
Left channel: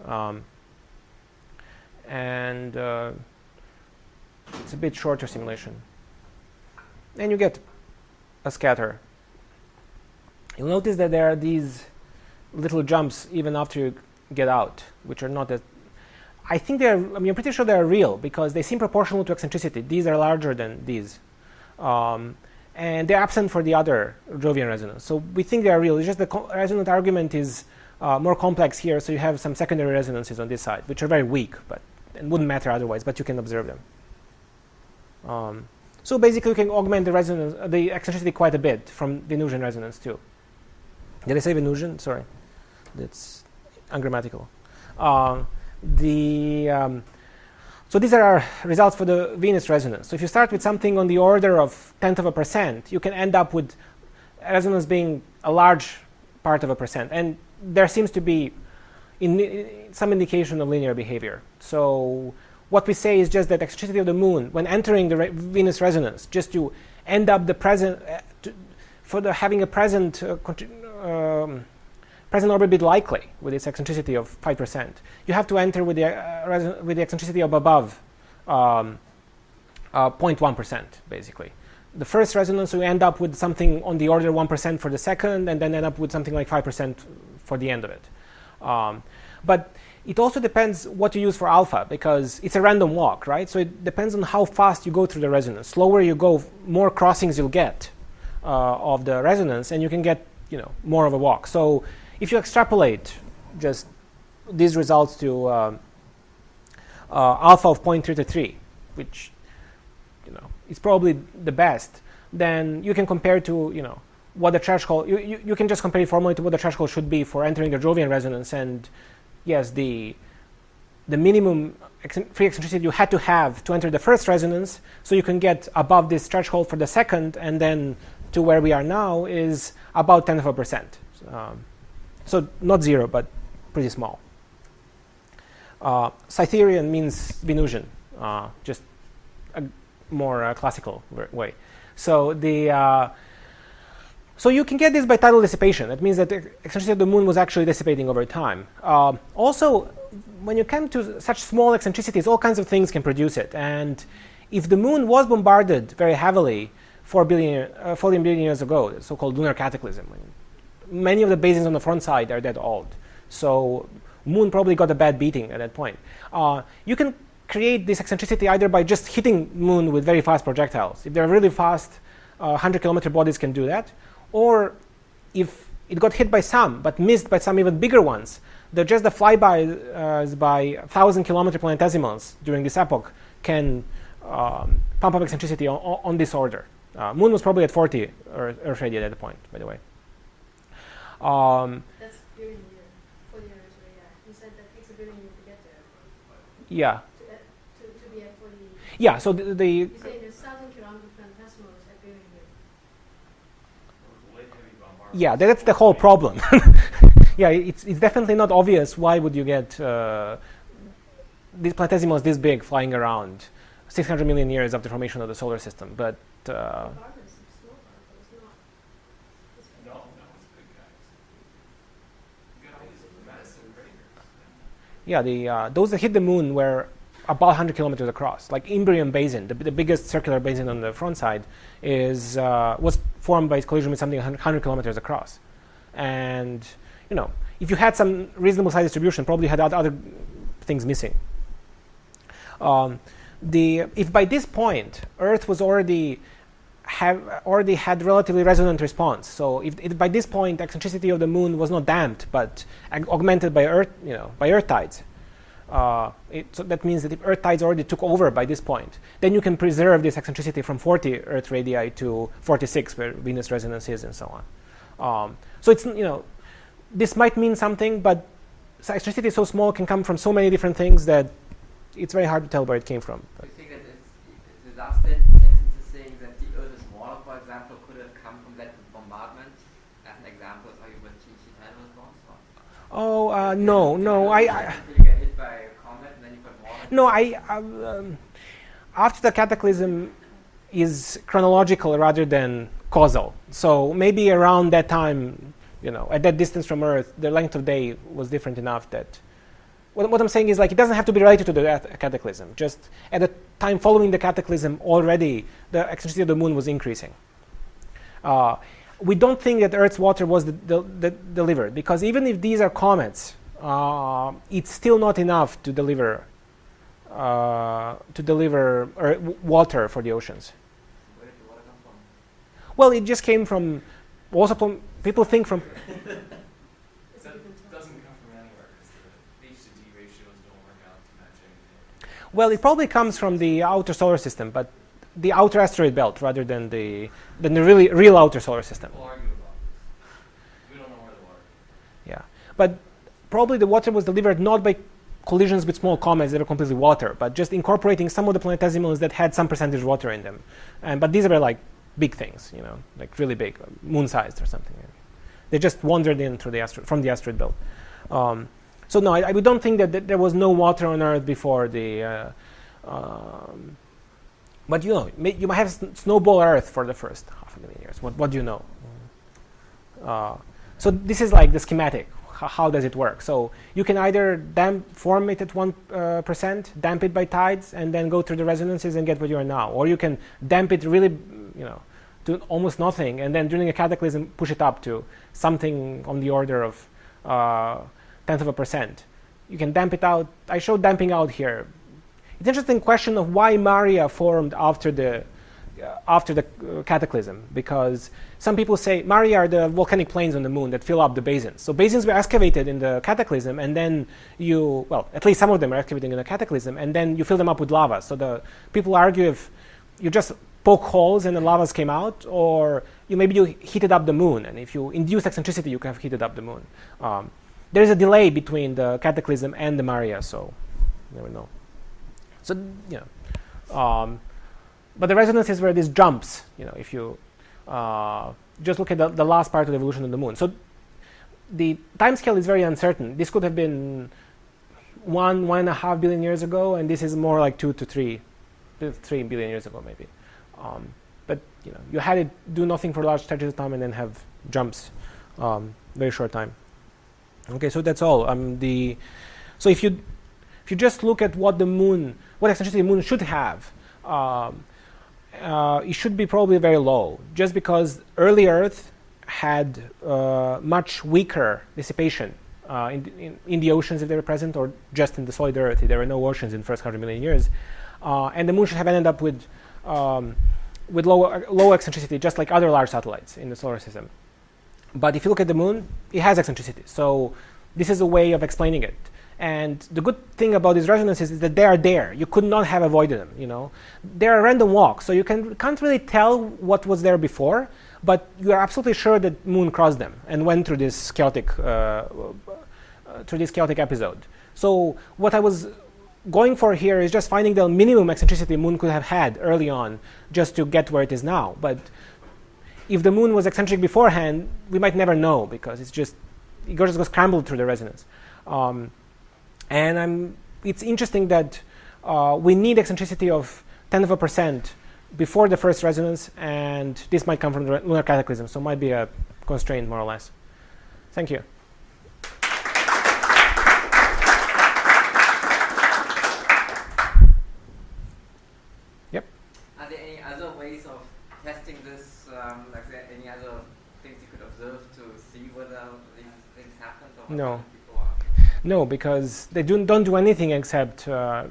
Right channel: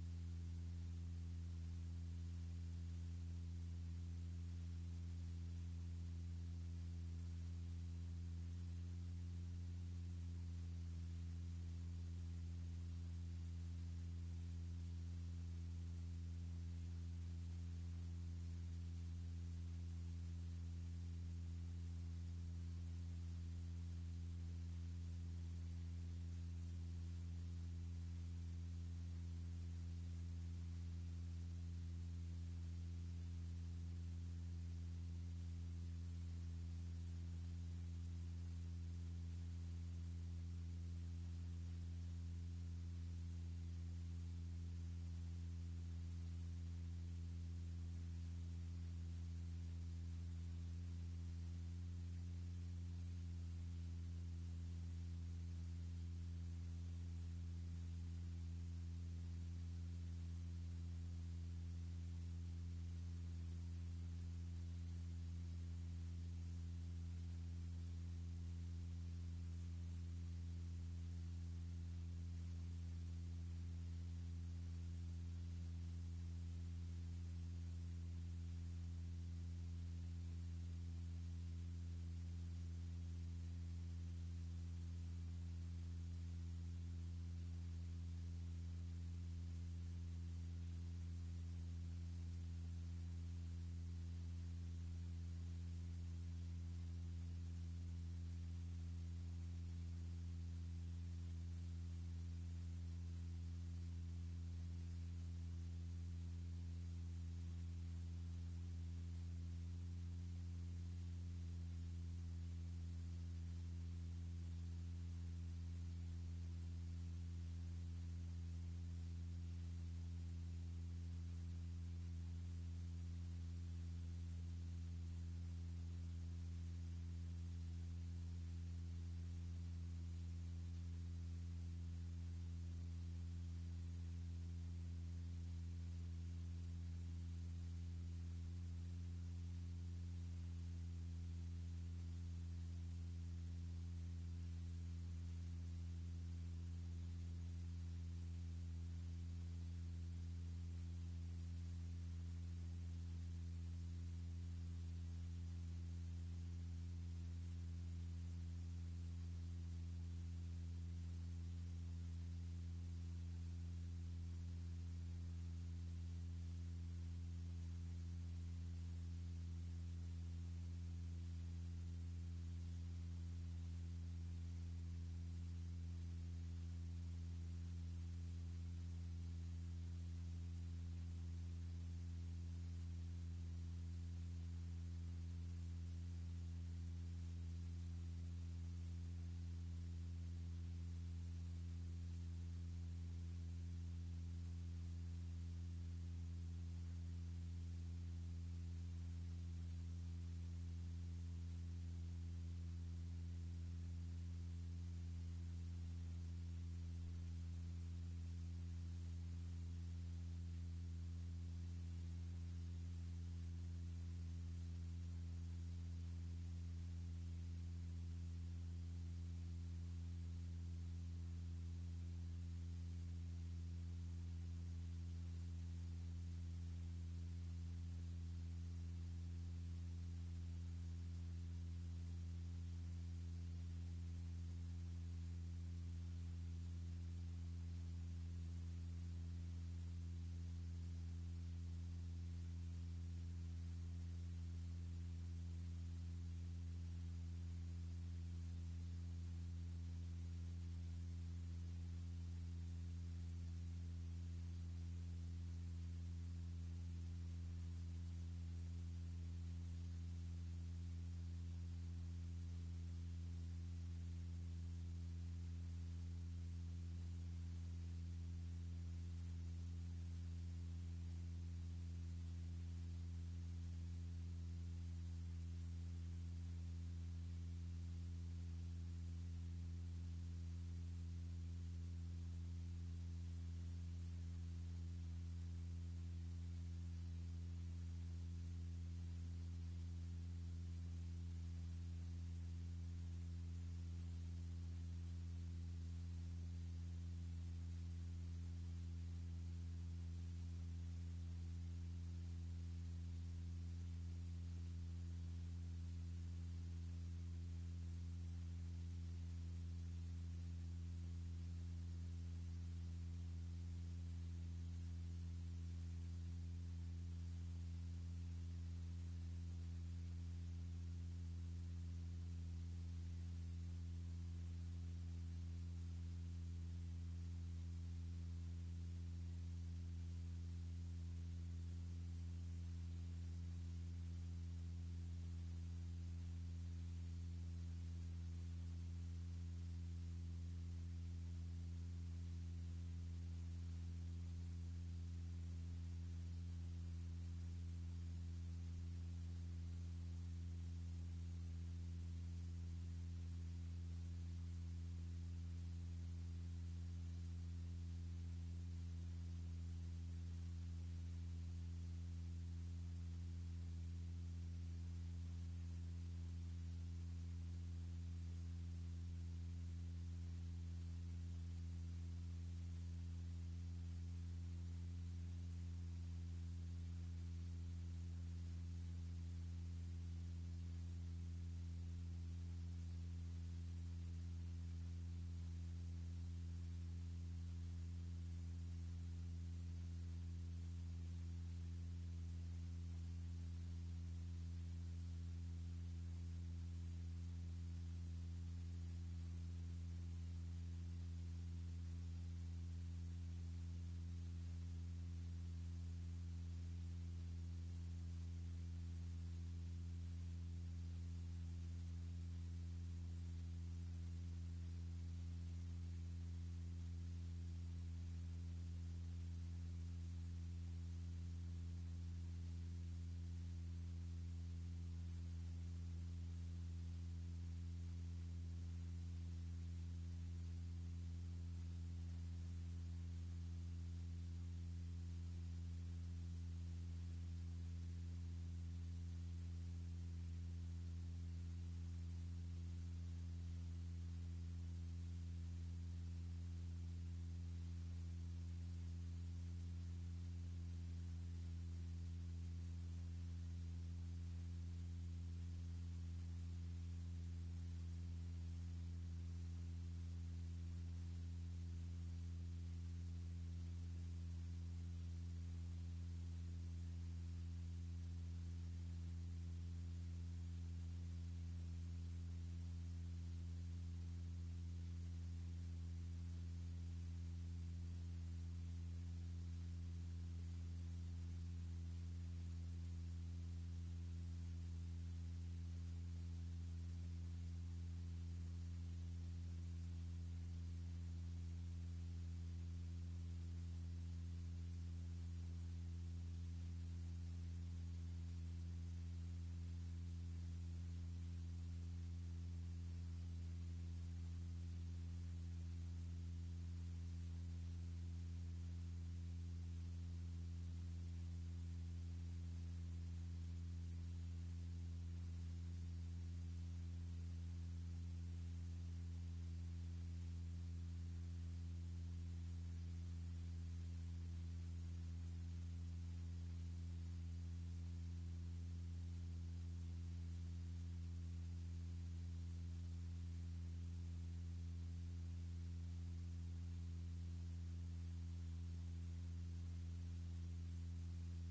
And it's a bit shorter simulation. And you get a scatter. You'll notice that there are these little jumps even after you get out, which are not that. I'm pretty sure they're real because they seem proportional to eccentricity. These are larger than these. And they're absent for the other Jovian resonance. So we think they are real. It's just the resonant argument is more complex here, so you have some secondary resonances on this side, which are very weak, but it wouldn't matter otherwise, but you can observe them. So basically, you can augment the eccentricity quite a bit from Venusian resonance too. Did I say Venusian? Sorry, that's ungrammatical. So these are our results for the Venus resonance. So if you start with something on the order of 0.1%, you can end up with resonance being a large part of a percent. And there seems to be some indication of linear behavior. So what we say is just that eccentricity of the moon, when entering the Venus resonance, just to end up the present, having a present orbit be likely with its eccentricity of 5%, you have to enter with the eccentricity of above 0.1%, basically. The first resonance, we end up with something on the order of 1% for the second, and then end up with something like 5% for the end of it. But it also depends what you use for alpha, because it's a random walk, right? So it depends on how fast you go through the resonance. Slower you go, more crossings you'll get of the resonance, and you can get more of a walk. So if you extrapolate just these results to alpha of 0.33, which is probably the best, then you can compare to what the threshold. You can just compare it formally to what the threshold should be for entering the Jovian resonance, and yes, the minimum free eccentricity you had to have to enter the first resonance, so you can get above this threshold for the second, and then to where we are now is about 1/10%. So not zero, but pretty small. Cytherean means Venusian, just a more classical way. So so you can get this by tidal dissipation. That means that the eccentricity of the moon was actually dissipating over time. Also, when you come to such small eccentricities, all kinds of things can produce it. And if the moon was bombarded very heavily 14 billion years ago, the so-called lunar cataclysm, many of the basins on the front side are that old. So moon probably got a bad beating at that point. You can create this eccentricity either by just hitting moon with very fast projectiles. If they're really fast, 100-kilometer bodies can do that. Or if it got hit by some, but missed by some even bigger ones, just the flybys by 1,000-kilometer planetesimals during this epoch can pump up eccentricity on this order. Moon was probably at 40 Earth radii at that point, by the way. That's billion year, 40 years radii. You said that takes a billion years to get there. Yeah. To be at 40. Yeah. So You say there's 1,000-kilometer planetesimals at billion years. yeah, that's the whole problem. Yeah, it's definitely not obvious why would you get these planetesimals this big flying around 600 million years after the formation of the solar system, but Barbara, it's small particles, not. No, it's big guys. You got all these massive craters. yeah, those that hit the moon were about 100 kilometers across. Like Imbrium Basin, the biggest circular basin on the front side, was formed by collision with something 100 kilometers across. And if you had some reasonable size distribution, probably had other things missing. If by this point Earth was already had relatively resonant response, so if by this point eccentricity of the moon was not damped but augmented by Earth, by Earth tides, so that means that if Earth tides already took over by this point, then you can preserve this eccentricity from 40 Earth radii to 46, where Venus resonance is, and so on. So it's this might mean something, but eccentricity so small can come from so many different things that it's very hard to tell where it came from. Do you think that the last sentence is saying that the Earth is smaller, for example, could have come from that bombardment? As an example, are you with CITA response? Oh, no. You get hit by a comet and then you put more. No, after the cataclysm is chronological rather than causal. So maybe around that time, at that distance from Earth, the length of day was different enough that. What I'm saying is, like, it doesn't have to be related to the cataclysm. Just at the time following the cataclysm, already the eccentricity of the moon was increasing. We don't think that Earth's water was delivered, because even if these are comets, it's still not enough to deliver water for the oceans. Where did the water come from? Well, it just came from. Also, people think from. That doesn't come from anywhere because the H to D ratios don't work out to match anything. Well, it probably comes from the outer solar system, but the outer asteroid belt rather than the really real outer solar system. We'll argue about this. We don't know where the water came Yeah, but probably the water was delivered not by collisions with small comets that are completely water, but just incorporating some of the planetesimals that had some percentage water in them. But these were like big things, like really big, moon-sized or something. They just wandered in through from the asteroid belt. So no, we don't think that there was no water on Earth before the. But you might have snowball Earth for the first 500,000 years. What do you know? So this is like the schematic. How does it work? So you can either form it at 1%, damp it by tides, and then go through the resonances and get what you are now, or you can damp it really, to almost nothing, and then during a cataclysm push it up to something on the order of 0.1%. You can damp it out. I showed damping out here. It's an interesting question of why Maria formed after the after the cataclysm, because some people say Maria are the volcanic plains on the moon that fill up the basins. So basins were excavated in the cataclysm, and then at least some of them are excavated in the cataclysm, and then you fill them up with lava. So the people argue if you just poke holes and the lavas came out, or maybe you heated up the moon, and if you induce eccentricity, you can have heated up the moon. There is a delay between the cataclysm and the Maria, so you never know. So but the resonances were these jumps. If you just look at the last part of the evolution of the moon. So the time scale is very uncertain. This could have been 1.5 billion years ago, and this is more like 2 to 3 billion years ago, maybe. But you had it do nothing for large stretches of time and then have jumps, very short time. Okay, so that's all. So if you just look at what eccentricity the moon should have, it should be probably very low, just because early Earth had much weaker dissipation in the oceans if they were present, or just in the solid Earth if there were no oceans in the first 100 million years. And the moon should have ended up with low eccentricity, just like other large satellites in the solar system. But if you look at the moon, it has eccentricity. So this is a way of explaining it. And the good thing about these resonances is that they are there. You could not have avoided them. They are random walks, so you can't really tell what was there before, but you are absolutely sure that moon crossed them and went through this chaotic episode. So what I was going for here is just finding the minimum eccentricity moon could have had early on, just to get where it is now. But if the moon was eccentric beforehand, we might never know, because it just goes scrambled through the resonance. And it's interesting that we need eccentricity of 10% before the first resonance, and this might come from the lunar cataclysm, so it might be a constraint, more or less. Thank you. Yep. Are there any other ways of testing this? Like, are there any other things you could observe to see whether these things happened? Or No. happened before? No, because they don't do anything except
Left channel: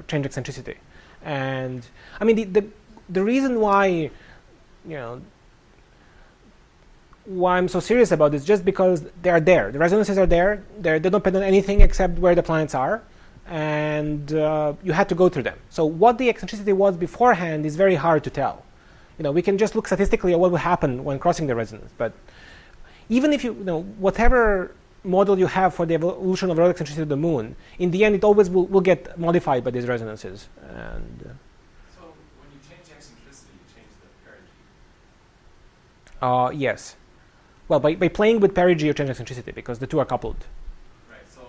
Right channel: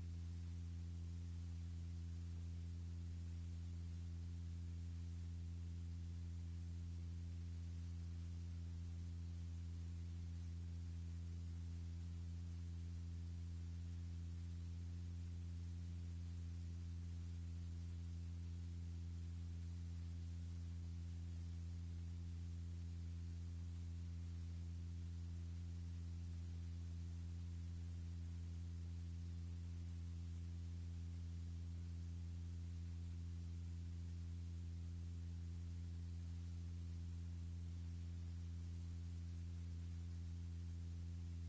change eccentricity. And I mean, the reason why why I'm so serious about this, just because they are there. The resonances are there. They don't depend on anything except where the planets are, and you had to go through them. So what the eccentricity was beforehand is very hard to tell. We can just look statistically at what will happen when crossing the resonance. But even if whatever model you have for the evolution of relative eccentricity of the moon, in the end it always will get modified by these resonances. And So when you change eccentricity, you change the perigee. yes. Well, by playing with perigee you change eccentricity, because the two are coupled. Right. So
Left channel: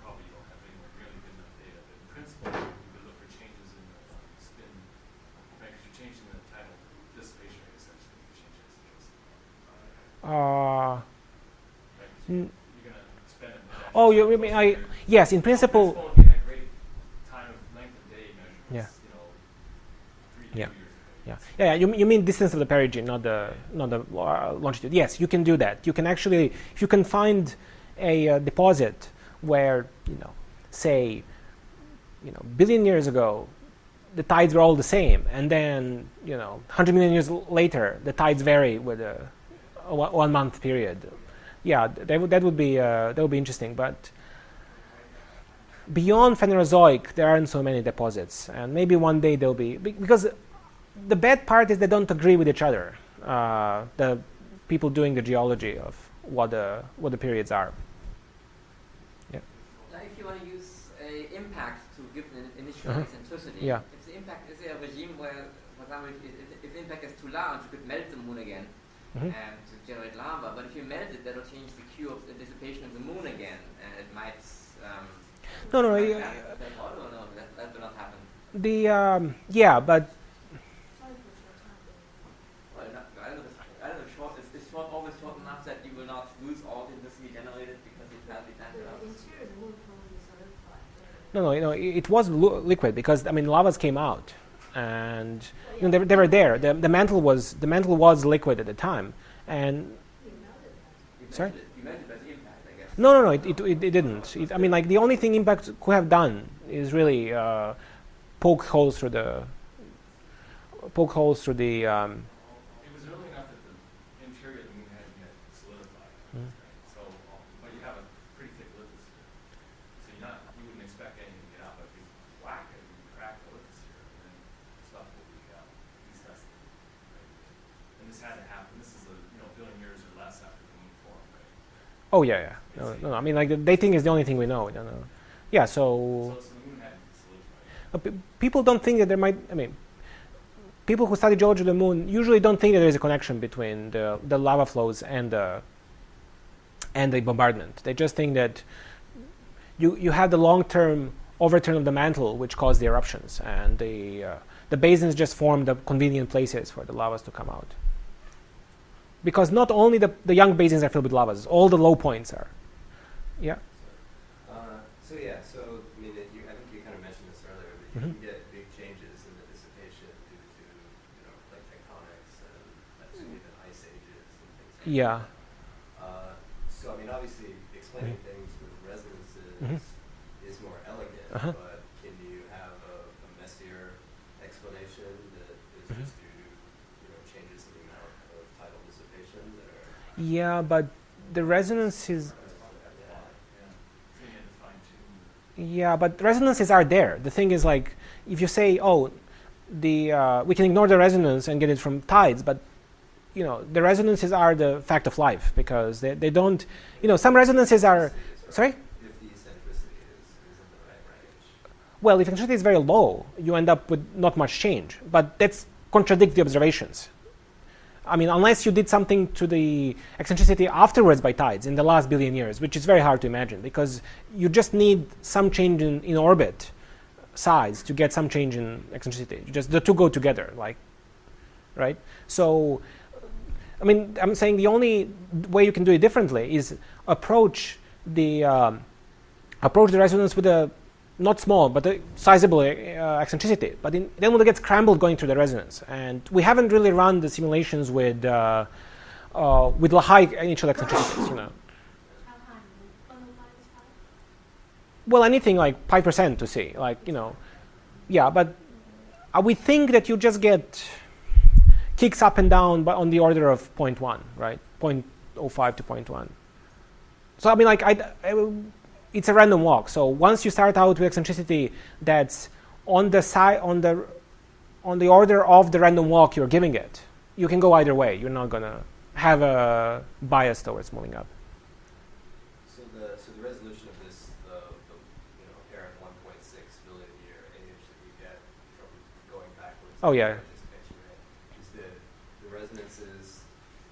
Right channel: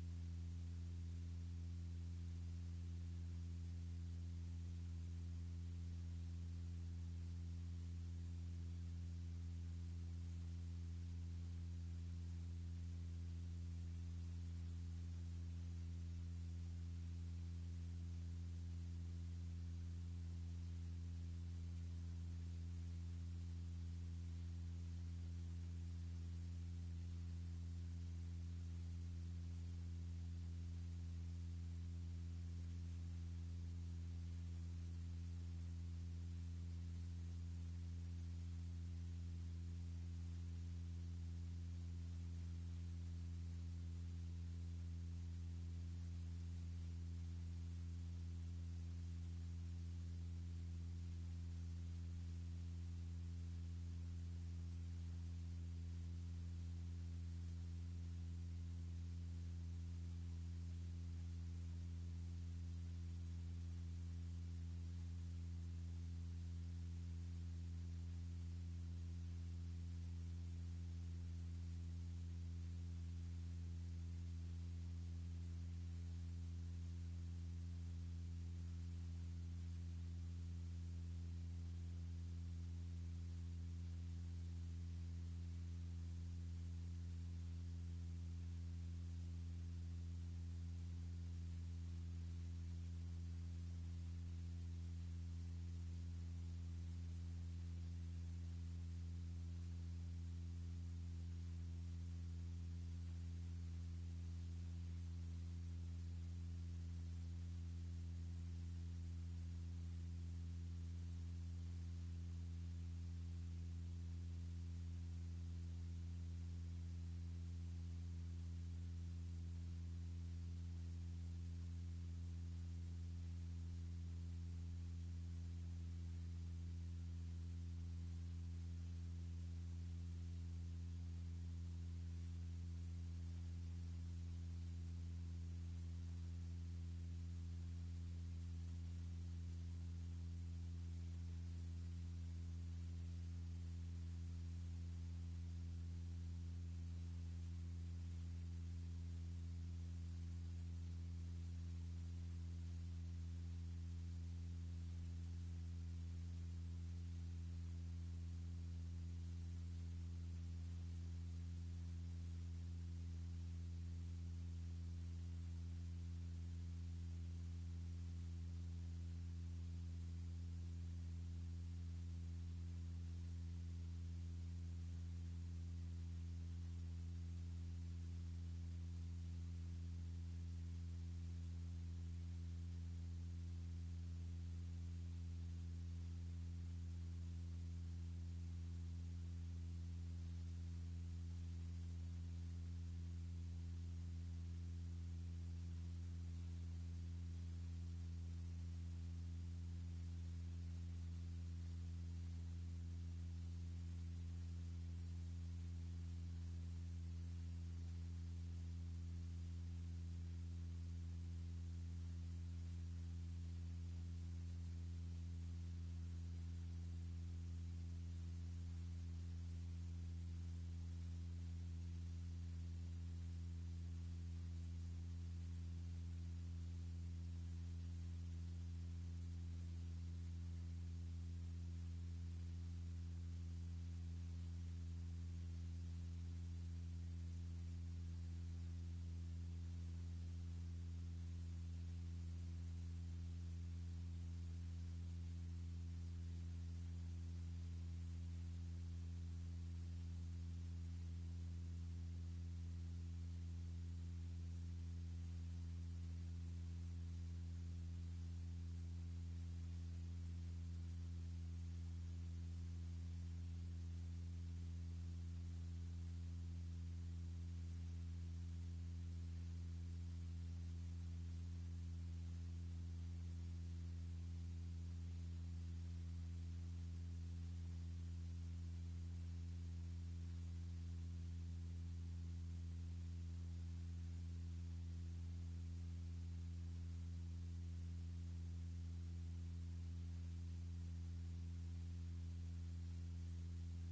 probably you don't have anywhere nearly good enough data, but in principle, you could look for changes in the spin. Right, because you're changing the tidal dissipation rate essentially. You change eccentricity. You're going to spend it. Oh, you mean yes, in principle. You had great time of length of day measurements. Yeah. 3 Yeah. years ago. Yeah. You mean distance of the perigee, not the longitude. Yes, you can do that. You can actually, if you can find a deposit where say billion years ago the tides were all the same, and then 100 million years later the tides vary with a 1 month period. Yeah, that would be interesting. But beyond Phanerozoic, there aren't so many deposits, and maybe one day there'll be, because the bad part is they don't agree with each other. The people doing the geology of what the periods are. Yeah. Now, if you want to use a impact to give an initial eccentricity, Yeah. if the impact is there a regime where, for example, if the impact is too large, you could melt the moon again and to generate lava. But if you melt it, that'll change the Q of the dissipation of the moon again, and it might. No. That will not happen. Yeah, but Well, I don't know. Is short always short enough that you will not lose all the electricity generated because it will be The interior of the moon probably solidified. no, it was liquid, because lavas came out, and they were there. The mantle was liquid at the time, and sorry. You melted as impact, I guess. No, it didn't. The only thing impact could have done is really poke holes through poke holes through the. It was early enough that the interior of the moon hadn't yet solidified. Mm. Right? So, but you have a pretty thick lithosphere. So you wouldn't expect anything to get out, but if you whack it, you crack the lithosphere, and then stuff will be tested. Right? And this had to happen. This is a billion years or less after the moon formed, right? Oh yeah, yeah. No, I mean, like the dating is the only thing we know. We don't know. Yeah, So the moon hadn't solidified. people don't think that there might. I mean, people who study geology of the moon usually don't think that there is a connection between the lava flows and the bombardment. They just think that you have the long-term overturn of the mantle, which caused the eruptions, and the basins just form the convenient places for the lavas to come out. Because not only the young basins are filled with lavas, all the low points are. Yeah. So I mean, I think you kind of mentioned this earlier, but you Mhm. can get big changes in the dissipation due to like tectonics and even ice ages and things like Yeah. that. So I mean, obviously, explaining things with resonances Mhm. is more elegant, Uh-huh. but can you have a messier explanation that is Mhm. just due to changes in the amount of tidal dissipation that are Yeah, but the resonance is. Yeah, but resonances are there. The thing is, like, if you say, oh, we can ignore the resonance and get it from tides, but the resonances are the fact of life because they don't. Some resonances are. Sorry. if the eccentricity is in the right range. Well, if eccentricity is very low, you end up with not much change. But that's contradict the observations. I mean, unless you did something to the eccentricity afterwards by tides in the last billion years, which is very hard to imagine because you just need some change in orbit size to get some change in eccentricity. Just the two go together, right? So, I mean, I'm saying the only way you can do it differently is approach the resonance with a not small, but a sizable eccentricity. But then we'll get scrambled going through the resonance. And we haven't really run the simulations with high initial eccentricities, How high? 105 is high? Well, anything like 5% to see, yeah, but we think that you just get kicks up and down on the order of 0.1, right? 0.05 to 0.1. So, I mean, it's a random walk. So once you start out with eccentricity that's on the order of the random walk you're giving it, you can go either way. You're not gonna have a bias towards moving up. So the resolution of this air at 1.6 billion year age that you get from going backwards. Oh, yeah. Dissipation rate, is the resonances,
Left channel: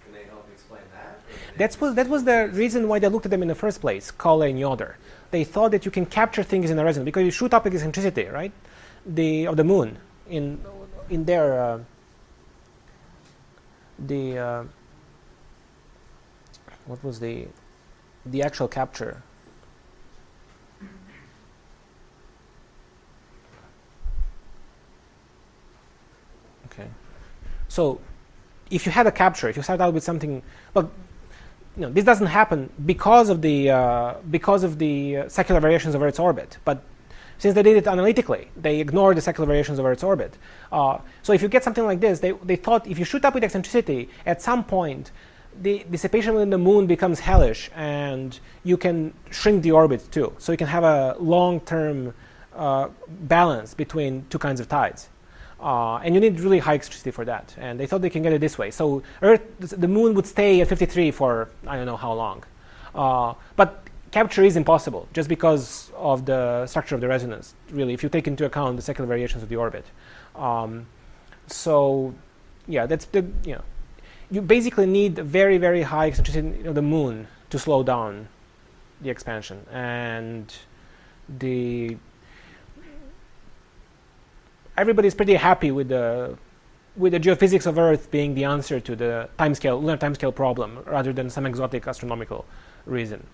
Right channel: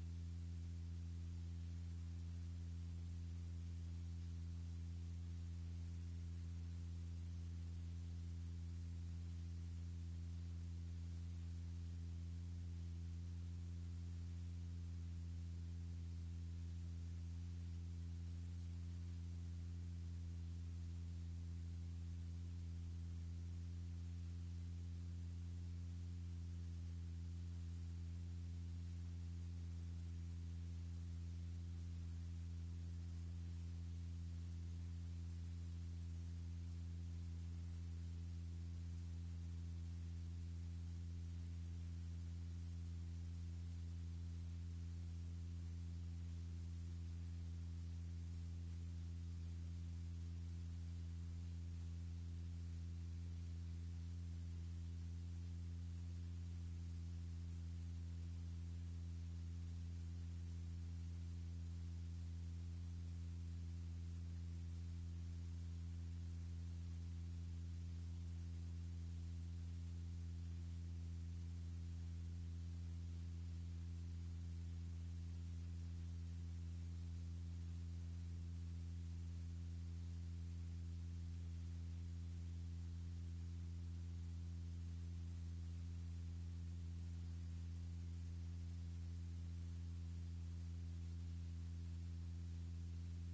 can they help explain that? That was the reason why they looked at them in the first place, Kalle and Yoder. They thought that you can capture things in the resonance because you shoot up eccentricity, right? Of the moon in their what was the actual capture? Okay, so if you had a capture, if you start out with something, well, this doesn't happen because of the secular variations of Earth's orbit. But since they did it analytically, they ignored the secular variations of Earth's orbit. So if you get something like this, they thought if you shoot up with eccentricity, at some point, the dissipation within the moon becomes hellish, and you can shrink the orbit too. So you can have a long-term balance between two kinds of tides. And you need really high eccentricity for that. And they thought they can get it this way. So the moon would stay at 53 for I don't know how long. But capture is impossible just because of the structure of the resonance, really, if you take into account the secular variations of the orbit. So, yeah, that's you basically need a very, very high eccentricity of the moon to slow down the expansion. And everybody's pretty happy with the geophysics of Earth being the answer to the lunar timescale problem, rather than some exotic astronomical reason.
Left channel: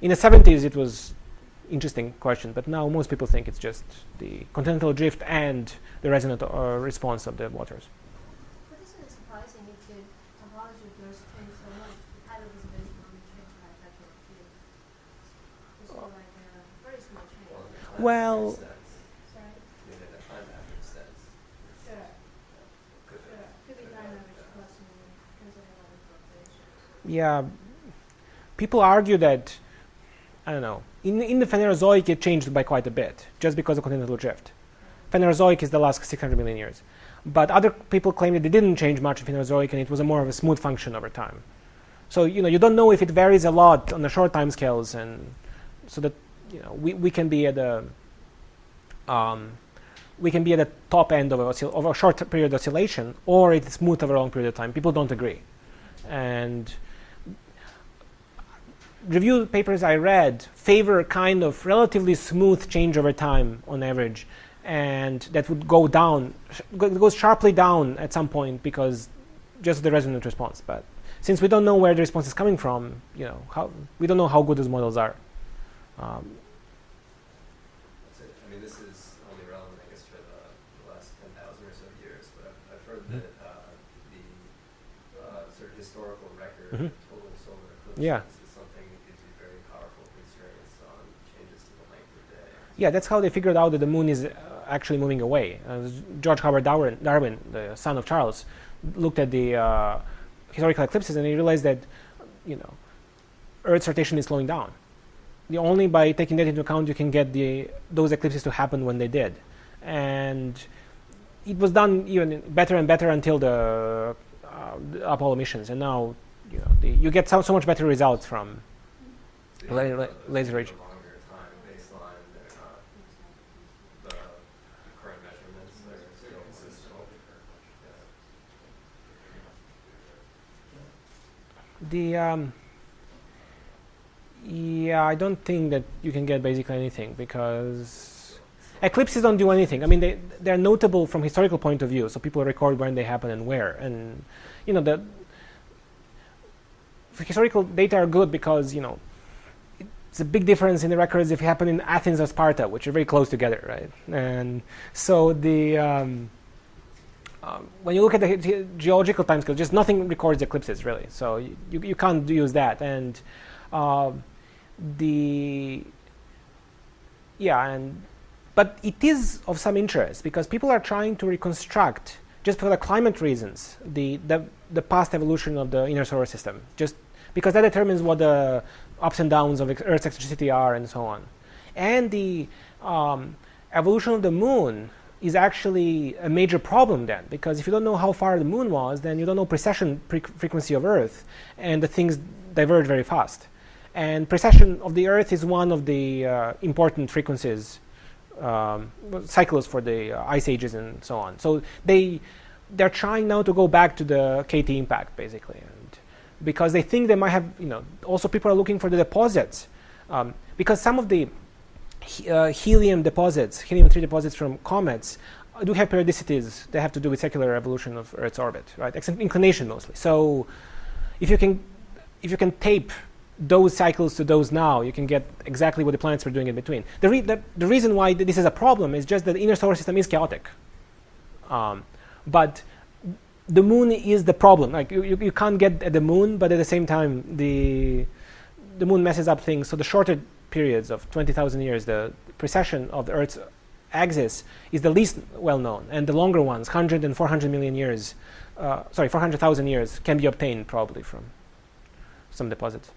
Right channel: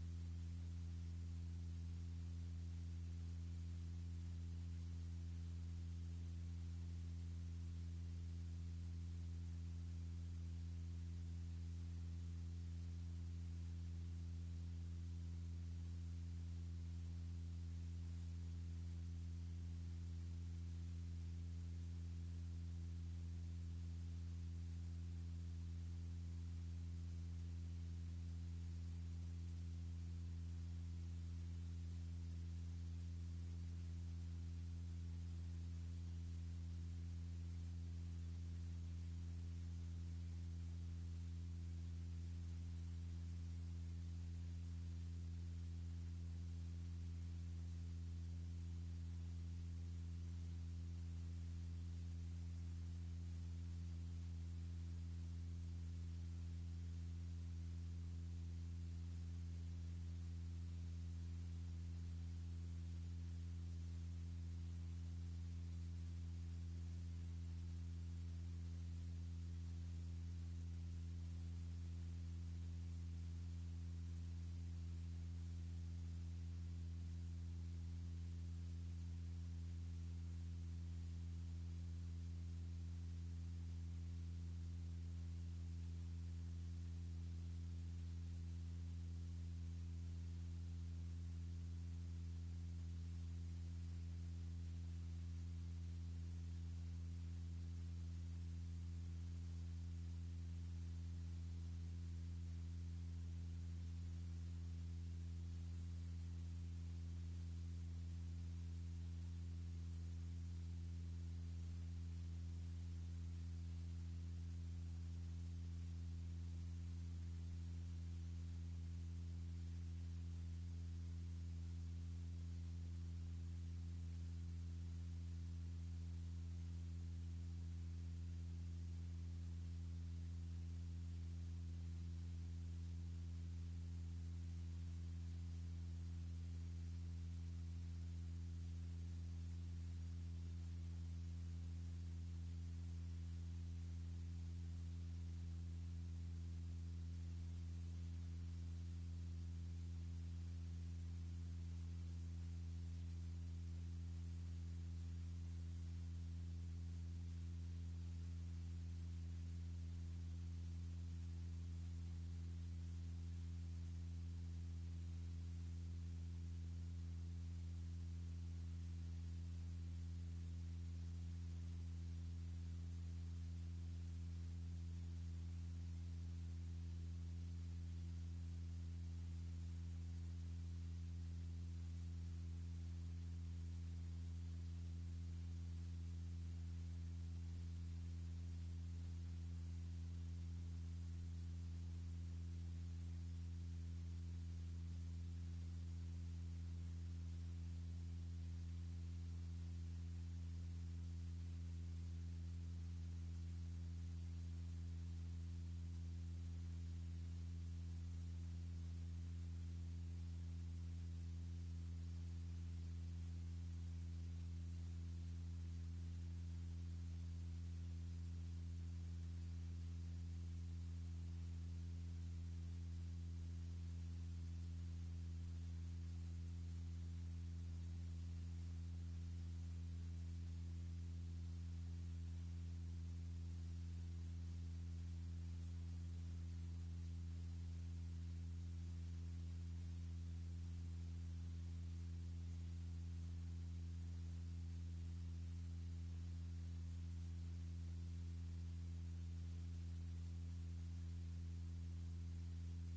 In the 70s, it was interesting question, but now most people think it's just the continental drift and the resonant response of the waters. But isn't it surprising if the topology of Earth changed so much, the tidal dissipation only changed by a factor of 3? It's like a very small change. Well, Sorry? In a time average sense. Sure. Yeah, people argue that, I don't know, in the Phanerozoic it changed by quite a bit, just because of continental drift. Phanerozoic is the last 600 million years. But other people claim that it didn't change much in Phanerozoic and it was a more of a smooth function over time. So, you don't know if it varies a lot on the short time scales, and so that, we can be at the top end of a short period oscillation, or it's smooth over a long period of time. People don't agree. And review papers I read favor kind of relatively smooth change over time on average, and that would go down, goes sharply down at some point because just the resonant response. But since we don't know where the response is coming from, we don't know how good those models are. This is only relevant, I guess, for the last 10,000 or so years, but I've heard that the sort of historical record of total solar eclipses is something that gives you very powerful constraints on changes to the length of day. Yeah, that's how they figured out that the moon is actually moving away. George Howard Darwin, the son of Charles, looked at the historical eclipses and he realized that, Earth's rotation is slowing down. Only by taking that into account you can get those eclipses to happen when they did. And it was done even better and better until the Apollo missions, and now you get so much better results from laser ranging. Longer time baseline, they're not the current measurements, they're still consistent. Yeah, I don't think that you can get basically anything because eclipses don't do anything. I mean, they're notable from historical point of view, so people record when they happen and where. And the historical data are good because it's a big difference in the records if it happened in Athens or Sparta, which are very close together, right? And so when you look at the geological timescale, just nothing records eclipses really. So you can't use that. And but it is of some interest because people are trying to reconstruct, just for the climate reasons, the past evolution of the inner solar system, just because that determines what the ups and downs of Earth's eccentricity are and so on. And the evolution of the moon is actually a major problem then, because if you don't know how far the moon was, then you don't know precession frequency of Earth, and the things diverge very fast. And precession of the Earth is one of the important frequencies, cycles for the ice ages and so on. So they're trying now to go back to the KT impact, basically, and because they think they might have, also people are looking for the deposits, because some of the helium-3 deposits from comets do have periodicities that have to do with secular evolution of Earth's orbit, right? Inclination mostly. So if you can tape those cycles to those now, you can get exactly what the planets were doing in between. The reason why this is a problem is just that the inner solar system is chaotic. But the moon is the problem. Like you can't get at the moon, but at the same time, the moon messes up things. So the shorter periods of 20,000 years, the precession of the Earth's axis is the least well known, and the longer ones, 100 and 400 million years, 400,000 years, can be obtained probably from some deposits.